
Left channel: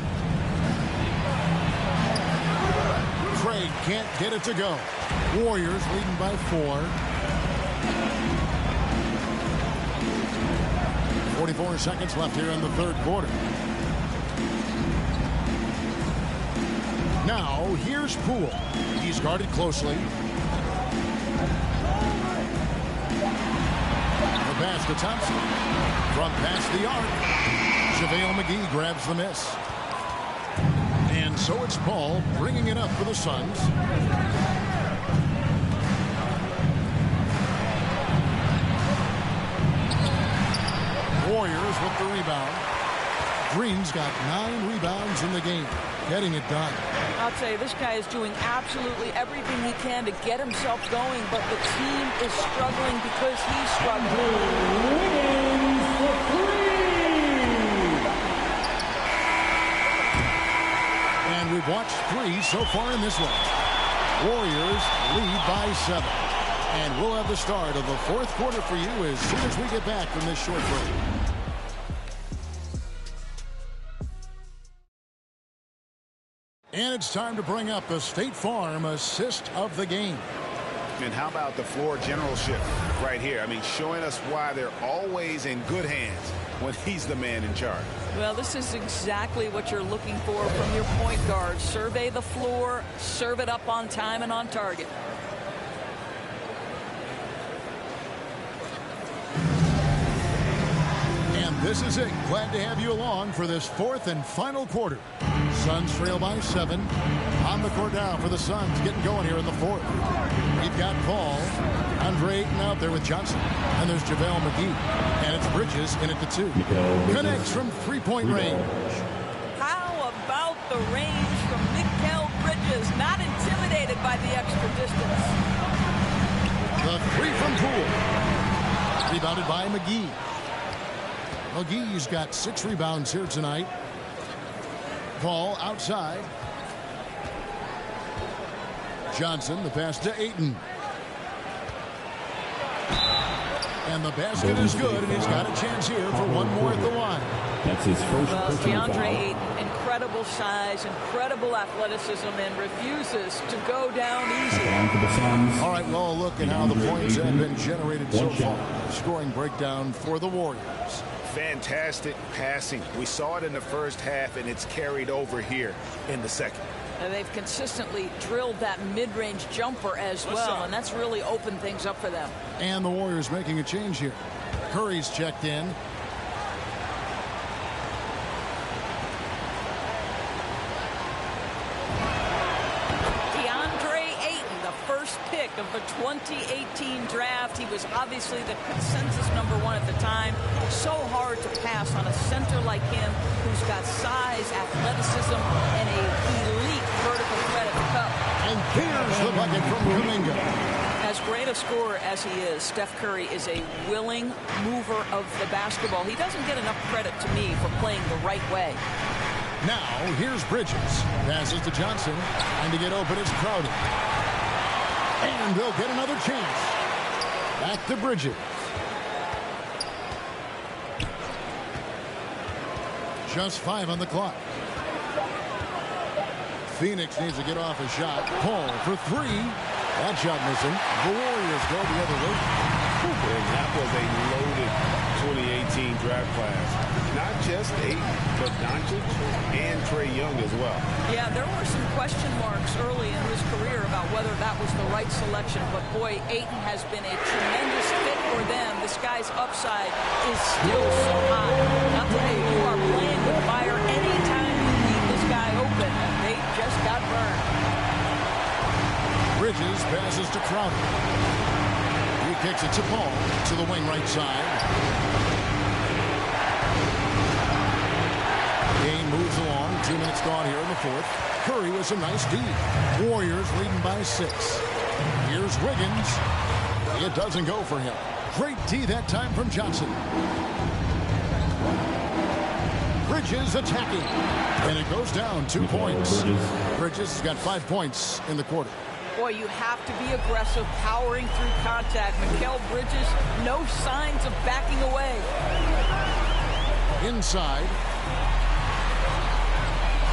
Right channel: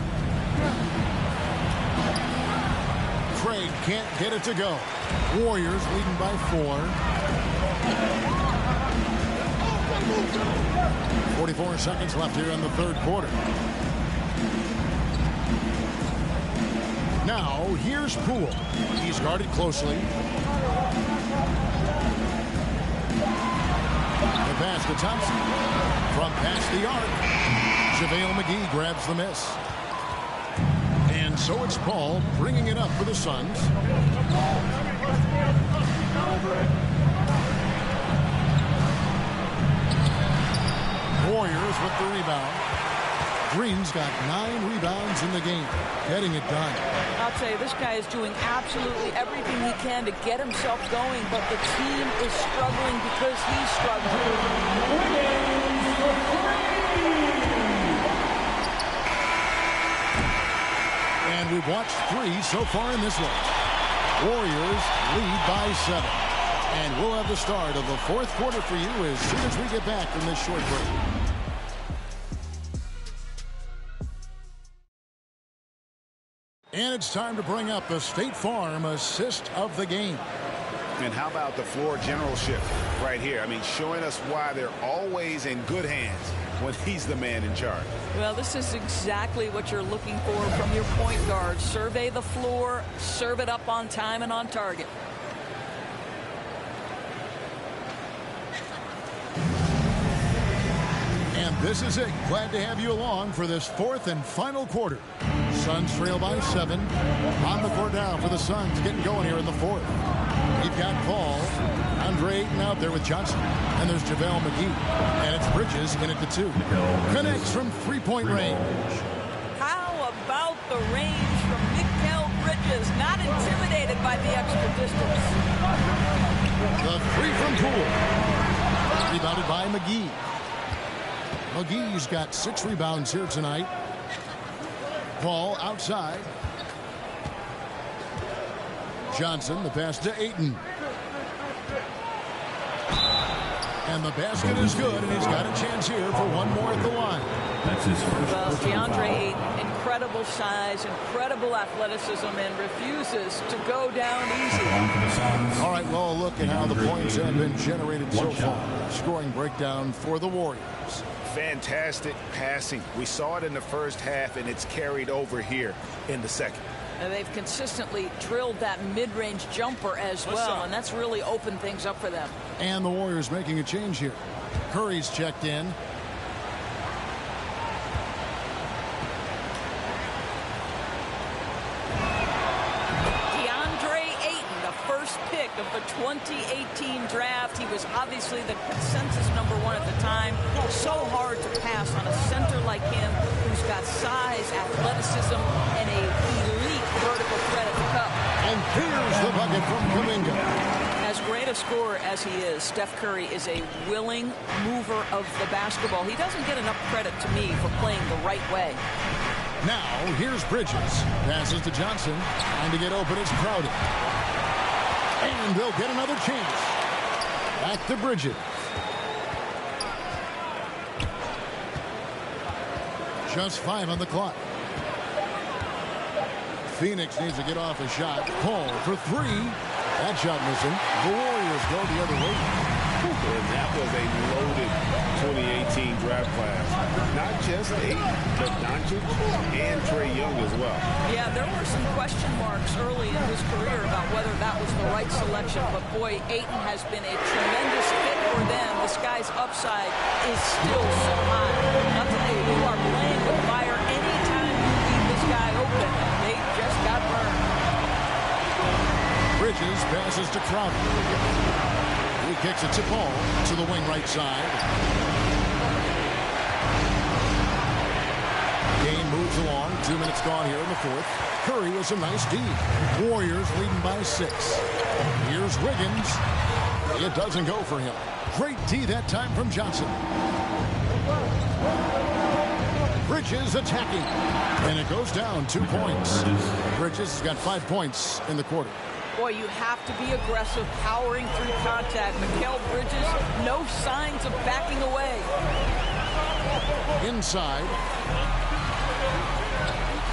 Craig can't get it to go. Warriors leading by 4. 44 seconds left here in the third quarter. Now here's Poole. He's guarded closely. The pass to Thompson. From past the arc. JaVale McGee grabs the miss. And And so it's Paul bringing it up for the Suns. Warriors with the rebound. Green's got 9 rebounds in the game, getting it done. I'll tell you, this guy is doing absolutely everything he can to get himself going, but the team is struggling because he's struggling. Wiggins for 3. And we've watched 3 so far in this one. Warriors lead by 7. And we'll have the start of the 4th quarter for you as soon as we get back from this short break. And it's time to bring up the State Farm assist of the game. And how about the floor generalship right here? I mean, showing us why they're always in good hands when he's the man in charge. Well, this is exactly what you're looking for from your point guard. Survey the floor, serve it up on time and on target. And this is it. Glad to have you along for this 4th and final quarter. Suns trail by 7. On the court now for the Suns, getting going here in the 4th. We've got Paul, Andre Ayton out there with Johnson. And there's JaVale McGee. And it's Bridges in at the 2. Connects from 3-point range. How about the range from Mikal Bridges? Not intimidated by the extra distance. The 3 from Poole. Rebounded by McGee. McGee's got 6 rebounds here tonight. Paul outside. Johnson, the pass to Ayton. And the basket is good, and he's got a chance here for one more at the line. That's his first. Well, DeAndre Ayton, incredible size, incredible athleticism, and refuses to go down easy. All right, well, look at how the points have been generated so far. Scoring breakdown for the Warriors. Fantastic passing. We saw it in the first half, and it's carried over here in the second. And they've consistently drilled that mid-range jumper as well, and that's really opened things up for them. And the Warriors making a change here. Curry's checked in. First pick of the 2018 draft. He was obviously the consensus #1 at the time. So hard to pass on a center like him who's got size, athleticism, and a elite vertical threat at the cup. And there's the bucket from Kuminga. As great a scorer as he is, Steph Curry is a willing mover of the basketball. He doesn't get enough credit to me for playing the right way. Now, here's Bridges. Passes to Johnson. Trying to get open. It's crowded. And they'll get another chance. Back to Bridges. Just 5 on the clock. Phoenix needs to get off a shot. Paul for 3. That shot missing. The Warriors go the other way. And that was a loaded 2018 draft class. Not just Ayton, but Doncic and Trae Young as well. Yeah, there were some question marks early in his career about whether that was the right selection. But boy, Ayton has been a tremendous fit for them. This guy's upside is still so high. I'll tell you, you are playing with fire anytime you leave this guy open, and they just got burned. Bridges passes to Crowder. He kicks it to Paul to the wing right side. Game moves along. 2 minutes gone here in the 4th. Curry with some nice D. Warriors leading by 6. Here's Wiggins. It doesn't go for him. Great D that time from Johnson. Bridges attacking. And it goes down 2 points. Bridges has got 5 points in the quarter. Boy, you have to be aggressive, powering through contact. Mikal Bridges, no signs of backing away. Inside.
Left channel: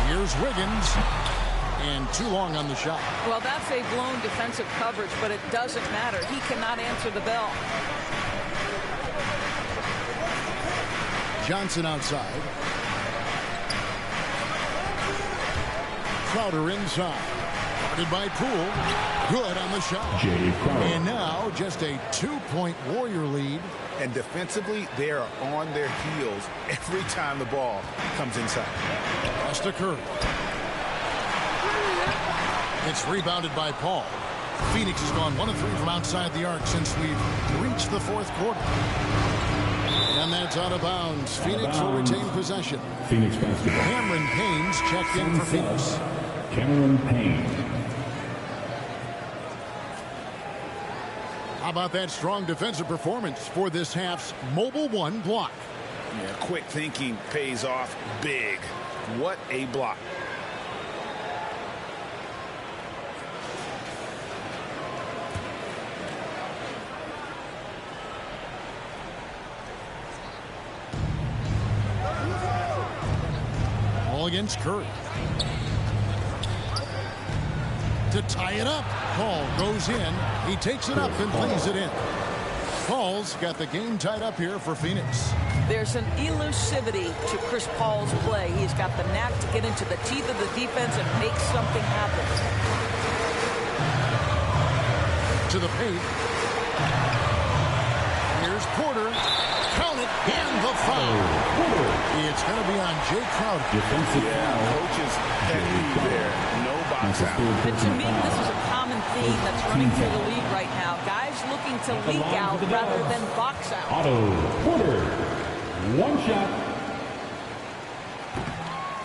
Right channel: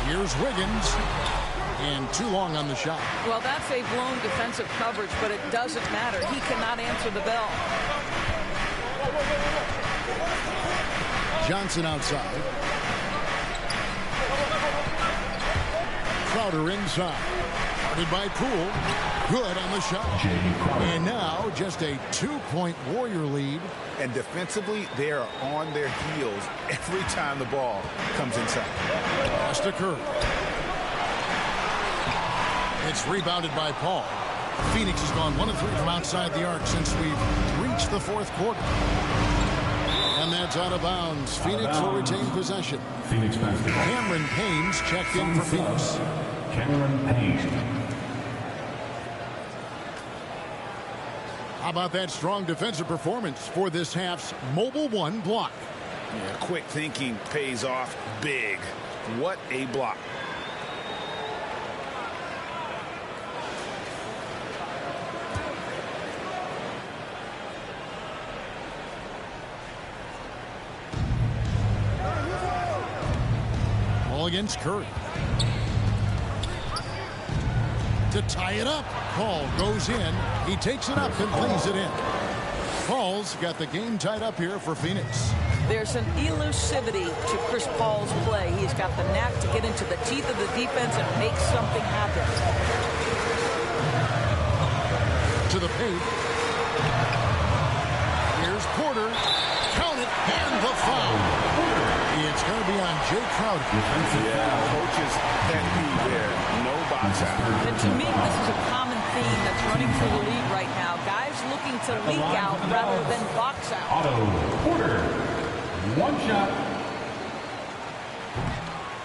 Here's Wiggins. And too long on the shot. Well, that's a blown defensive coverage, but it doesn't matter. He cannot answer the bell. Johnson outside. Crowder inside. Guarded by Poole. Good on the shot. And now just a 2-point Warrior lead. And defensively, they are on their heels every time the ball comes inside. Pass to Curry. It's rebounded by Paul. Phoenix has gone 1 of 3 from outside the arc since we've reached the fourth quarter. And that's out of bounds. Phoenix will retain possession. Phoenix basketball. Cameron Payne's checked in for Phoenix. Cameron Payne. How about that strong defensive performance for this half's Mobile One block? Yeah, quick thinking pays off big. What a block. Ball against Curry. To tie it up. Paul goes in. He takes it up and lays it in. Paul's got the game tied up here for Phoenix. There's an elusivity to Chris Paul's play. He's got the knack to get into the teeth of the defense and make something happen. To the paint. Here's Porter. Count it, and the foul. It's going to be on Jay Crowder. Yeah, coach's pet peeve there. No box out. And to me, this is a common theme that's running through the league right now. Guys looking to leak out rather than box out. Otto Porter. One shot.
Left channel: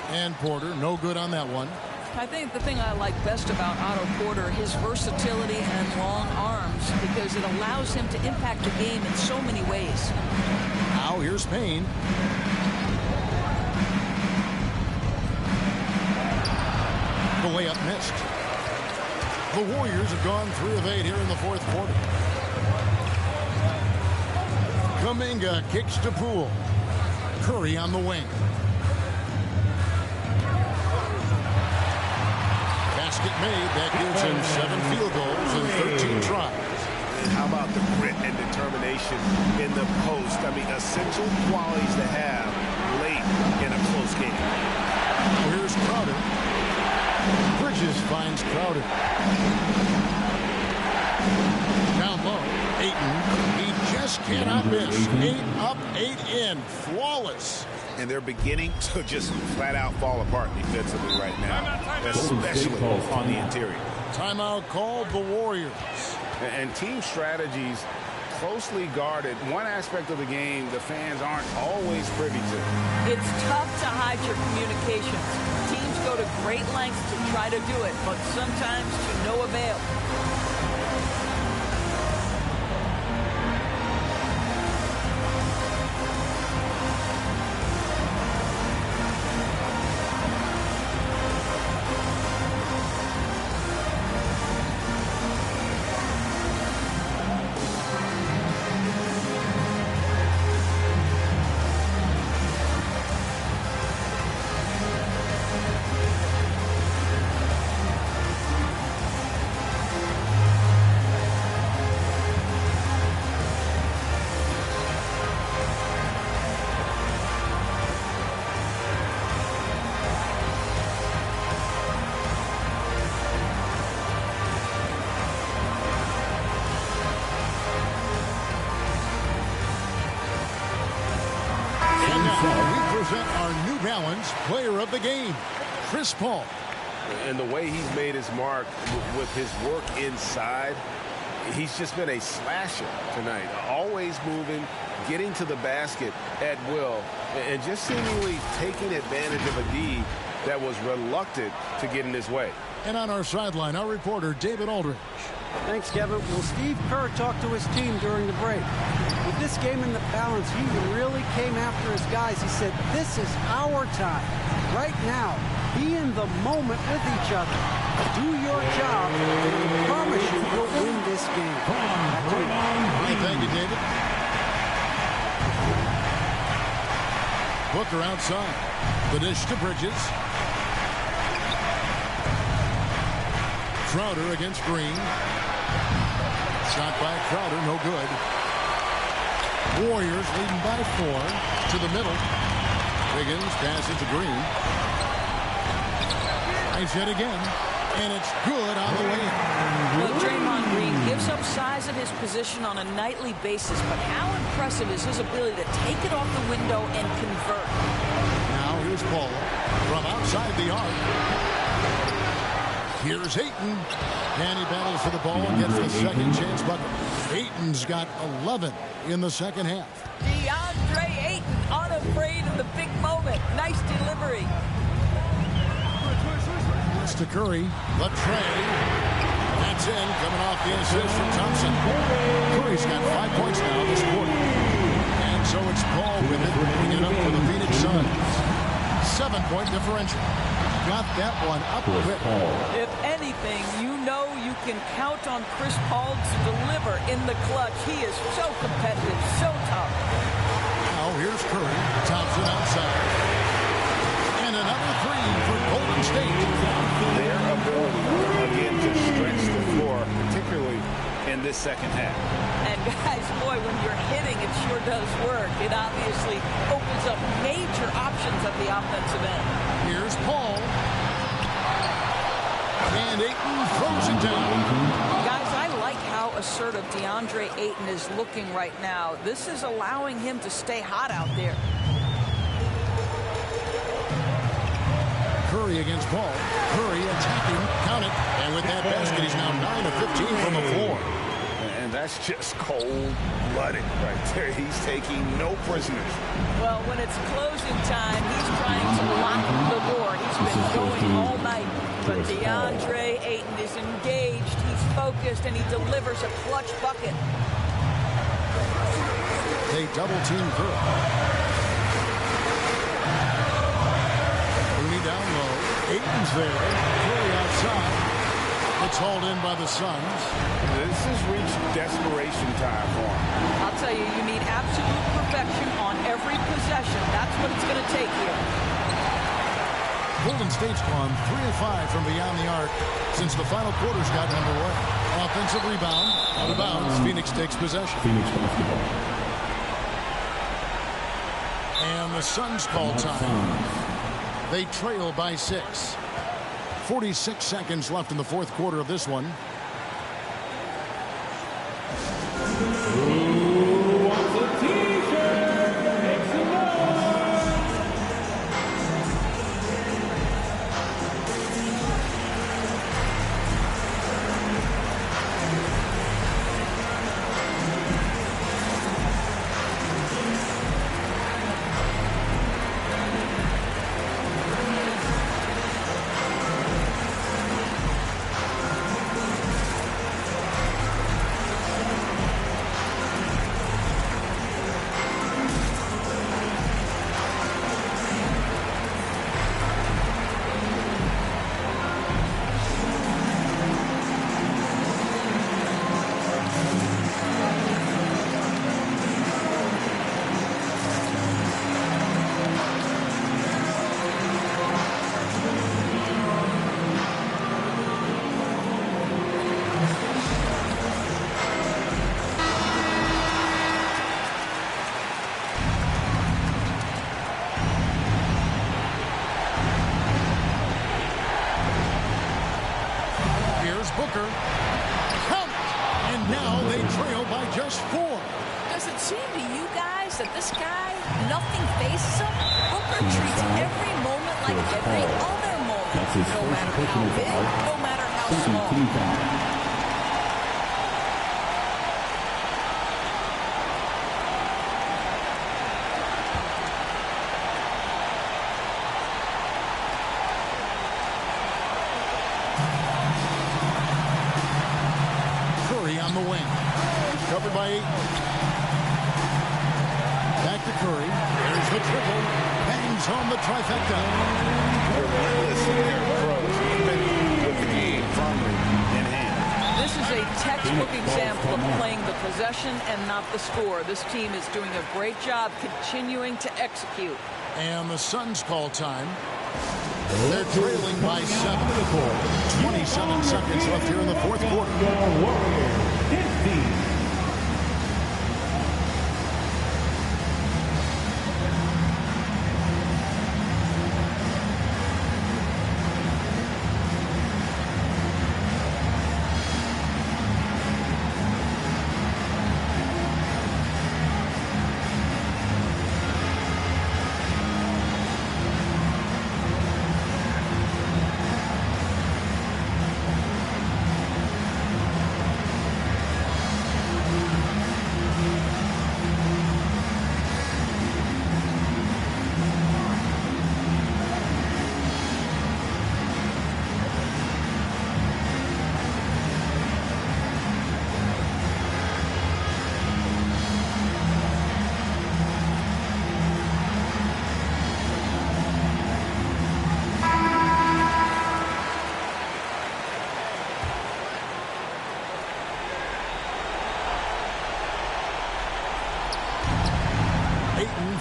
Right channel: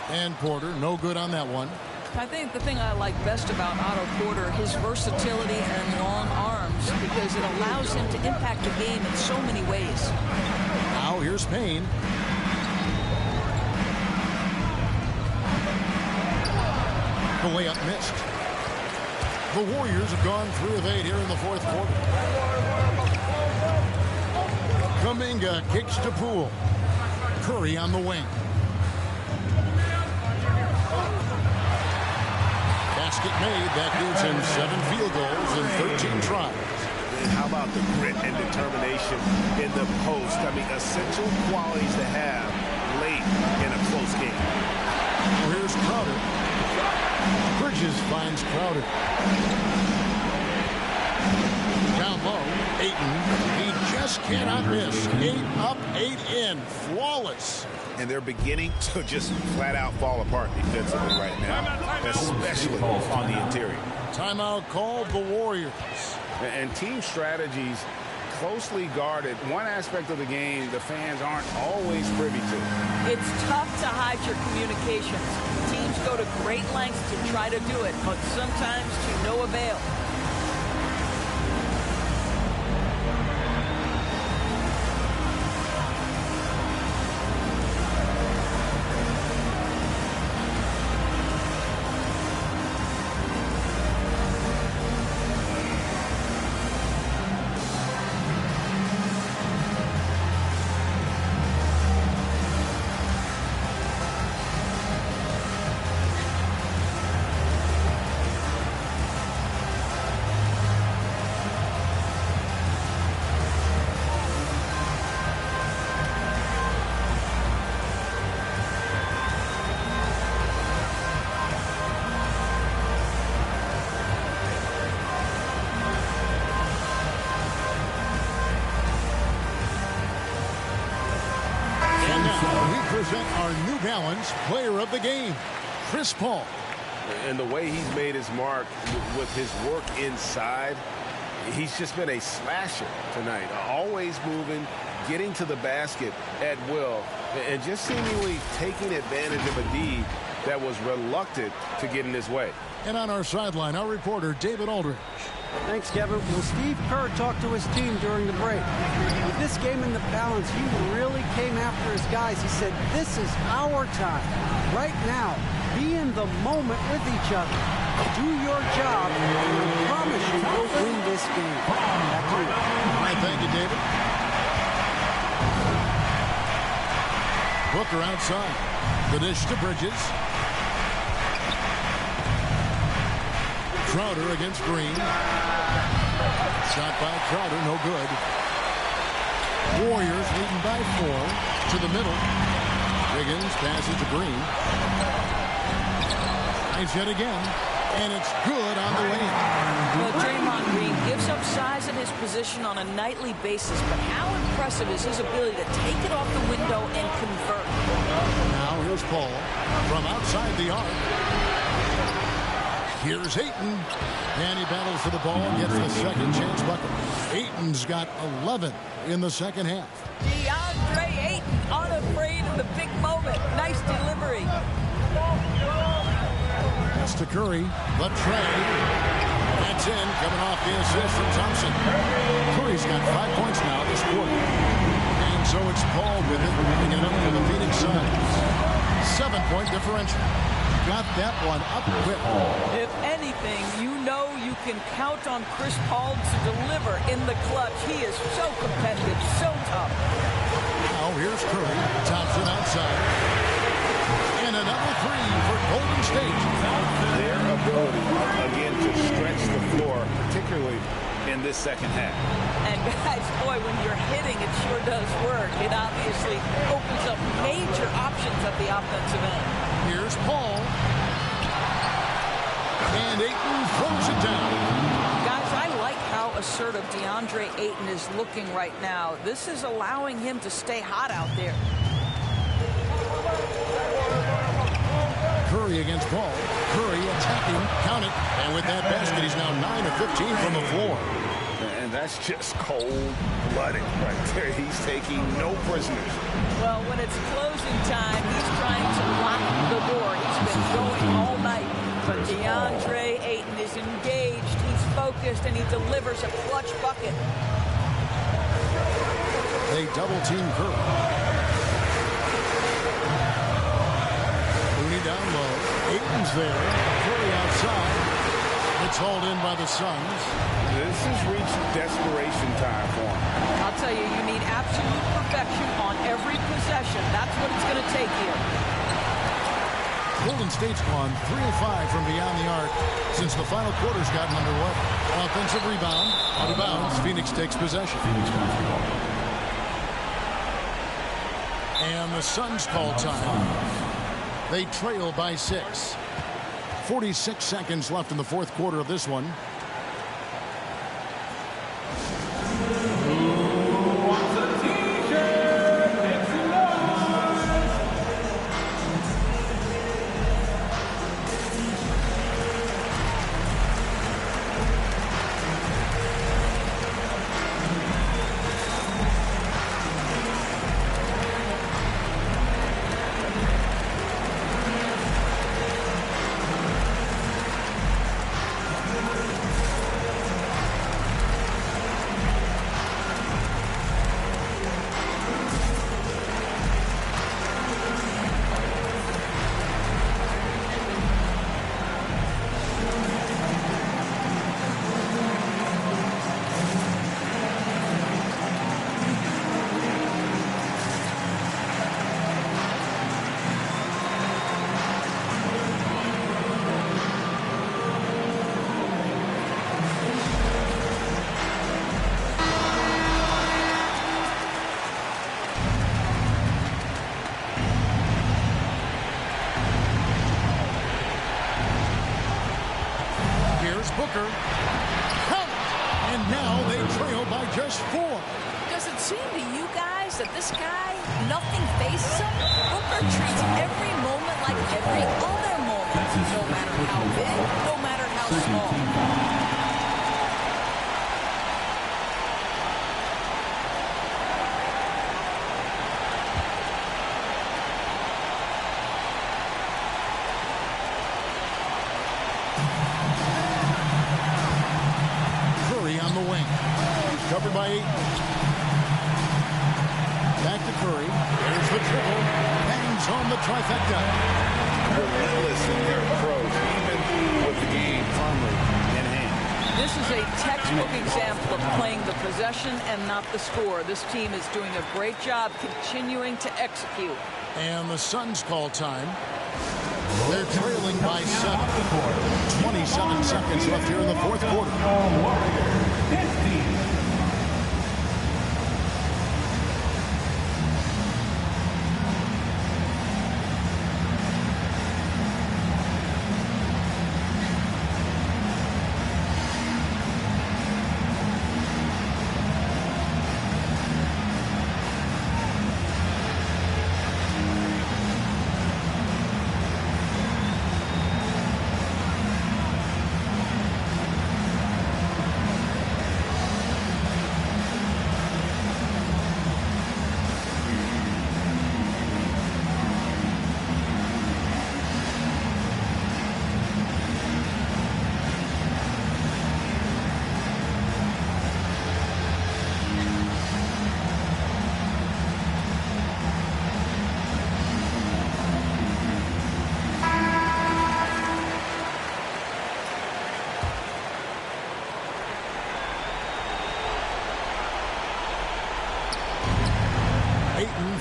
And Porter, no good on that one. I think the thing I like best about Otto Porter, his versatility and long arms, because it allows him to impact the game in so many ways. Now here's Payne. The layup missed. The Warriors have gone 3 of 8 here in the fourth quarter. Kuminga kicks to Poole. Curry on the wing. Basket made. That gives him 7 field goals and 13 tries. And how about the grit and determination in the post? I mean, essential qualities to have late in a close game. Now here's Crowder. Bridges finds Crowder. Down low, Ayton. He just cannot miss. 8 up, 8 in. Flawless. And they're beginning to just flat out fall apart defensively right now, especially on the interior. Timeout called the Warriors. And team strategies closely guarded. One aspect of the game the fans aren't always privy to. It's tough to hide your communications. Teams go to great lengths to try to do it, but sometimes to no avail. And now we present our New Balance Player of the Game, Chris Paul. And the way he's made his mark with his work inside, he's just been a slasher tonight. Always moving, getting to the basket at will, and just seemingly taking advantage of a D that was reluctant to get in his way. And on our sideline, our reporter, David Aldridge. Thanks, Kevin. Well, Steve Kerr talked to his team during the break. With this game in the balance, he really came after his guys. He said, this is our time. Right now, be in the moment with each other. Do your job, and I promise you, we'll win this game. Back to you. All right, thank you, David. Booker outside. The dish to Bridges. Crowder against Green. Shot by Crowder, no good. Warriors leading by 4 to the middle. Wiggins passes to Green. Nice hit again, and it's good on the way in. Well, Draymond Green gives up size at his position on a nightly basis, but how impressive is his ability to take it off the window and convert? Now here's Paul from outside the arc. Here's Ayton, and he battles for the ball and gets the second chance bucket. Ayton's got 11 in the second half. DeAndre Ayton, unafraid of the big moment. Nice delivery. Pass to Curry. The tray. That's in, coming off the assist from Thompson. Curry's got 5 points now this quarter. And so it's Paul with it, bringing it up for the Phoenix Suns. 7-point differential. Got that one up quick. If anything, you know you can count on Chris Paul to deliver in the clutch. He is so competitive, so tough. Now here's Curry. Thompson outside. And another three for Golden State. Their ability, again, to stretch the floor, particularly in this second half. And guys, boy, when you're hitting, it sure does work. It obviously opens up major options at the offensive end. Here's Paul. And Ayton throws it down. Guys, I like how assertive DeAndre Ayton is looking right now. This is allowing him to stay hot out there. Curry against Paul. Curry attacking, count it. And with that basket, he's now 9 of 15 from the floor. And that's just cold-blooded right there. He's taking no prisoners. Well, when it's closing time, he's trying to lock the door. He's been going all night. But DeAndre Ayton is engaged. He's focused, and he delivers a clutch bucket. They double-team Curry. Looney down low. Ayton's there. Curry outside. It's hauled in by the Suns. This has reached desperation time for him. I'll tell you, you need absolute perfection on every possession. That's what it's going to take here. Golden State's gone 3 of 5 from beyond the arc since the final quarter's gotten underway. Offensive rebound. Out of bounds. Phoenix takes possession. Phoenix basketball. And the Suns call time. They trail by 6. 46 seconds left in the fourth quarter of this one. Who wants a t-shirt? Make some noise. Booker. Count it! And now they trail by just 4. Does it seem to you guys that this guy, nothing phases him? Booker treats every moment like every other moment. No matter how big, no matter how small. On the wing. He's covered by 8. Back to Curry. There's the triple. Bangs home the trifecta. Relentless in their approach, even with the game firmly in hand. This is a textbook example of playing the possession and not the score. This team is doing a great job continuing to execute. And the Suns call time. They're trailing by 7. 27 seconds left here in the fourth quarter.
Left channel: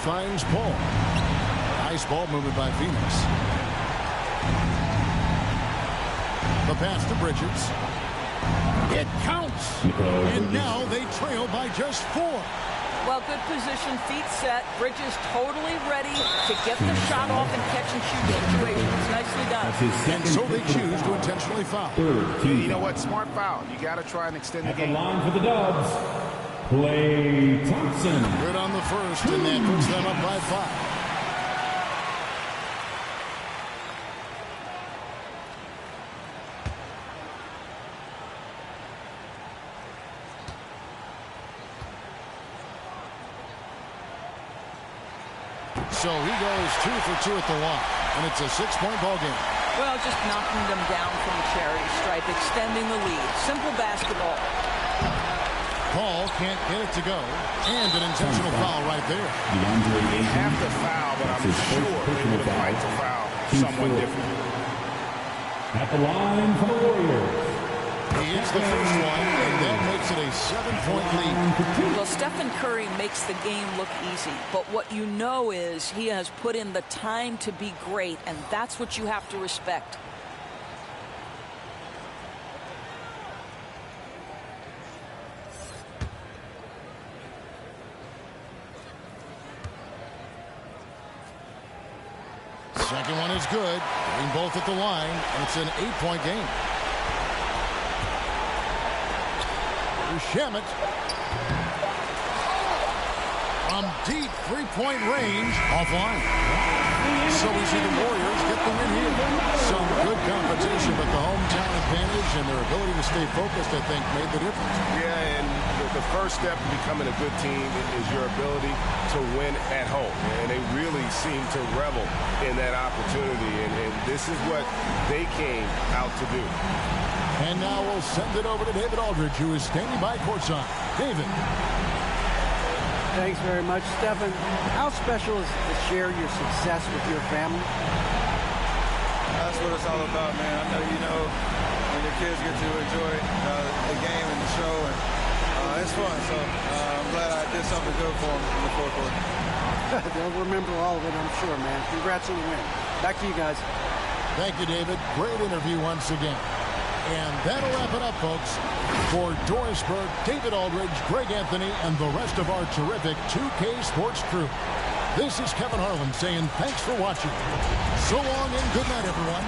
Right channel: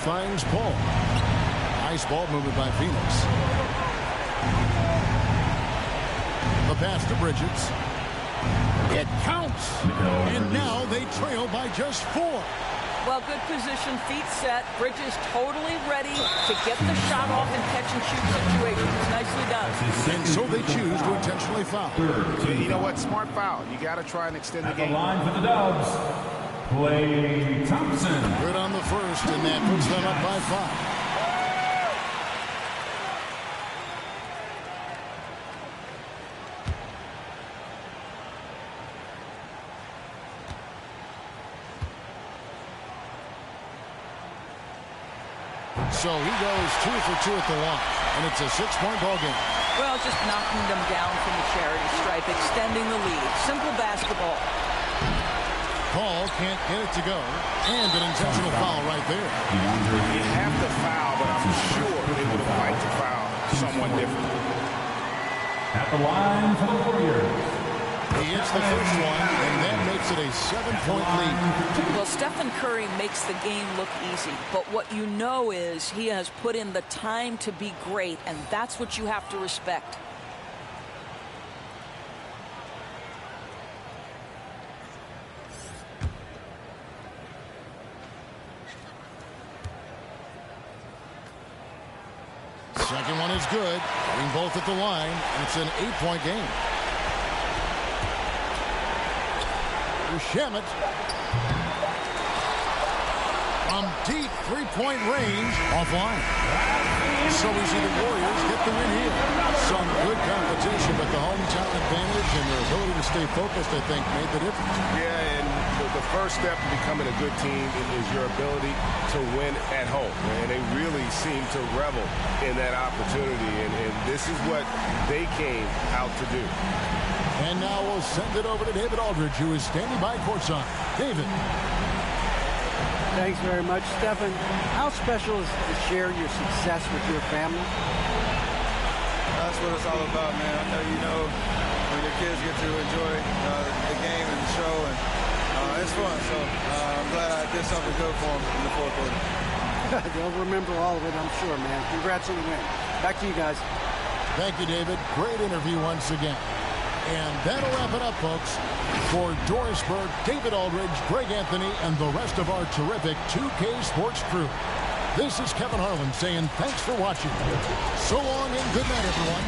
finds Paul. Nice ball movement by Phoenix. The pass to Bridges. It counts. And now they trail by just 4. Well, good position, feet set. Bridges totally ready to get the shot off in catch-and-shoot situations. Nicely done. And so they choose to intentionally foul. You know what? Smart foul. You got to try and extend the game. The line for the Dubs, Klay Thompson. Good on the first, and that puts them up by 5. So he goes 2 for 2 at the line, and it's a 6-point ball game. Well, just knocking them down from the charity stripe, extending the lead. Simple basketball. Paul can't get it to go, and an intentional foul right there. You have to foul, but I'm sure they would have liked to foul someone different. At the line for the Warriors. He hits the first one, and that makes it a 7-point lead. Well, Stephen Curry makes the game look easy, but what you know is he has put in the time to be great, and that's what you have to respect. Second one is good, getting both at the line, and it's an 8-point game. Shamet from deep 3-point range offline. So we see the Warriors get the win here. Some good competition, but the hometown advantage and their ability to stay focused, I think, made the difference. Yeah, and the first step in becoming a good team is your ability to win at home. And they really seem to revel in that opportunity, and this is what they came out to do. And now we'll send it over to David Aldridge, who is standing by courtside. David. Thanks very much, Stephen. How special is it to share your success with your family? That's what it's all about, man. I know you know when your kids get to enjoy the game and the show, and it's fun. So I'm glad I did something good for them in the fourth quarter. They'll remember all of it, I'm sure, man. Congrats on the win. Back to you guys. Thank you, David. Great interview once again. And that'll wrap it up, folks. For Dorisburg, David Aldridge, Greg Anthony, and the rest of our terrific 2K Sports crew. This is Kevin Harlan saying thanks for watching. So long and good night, everyone.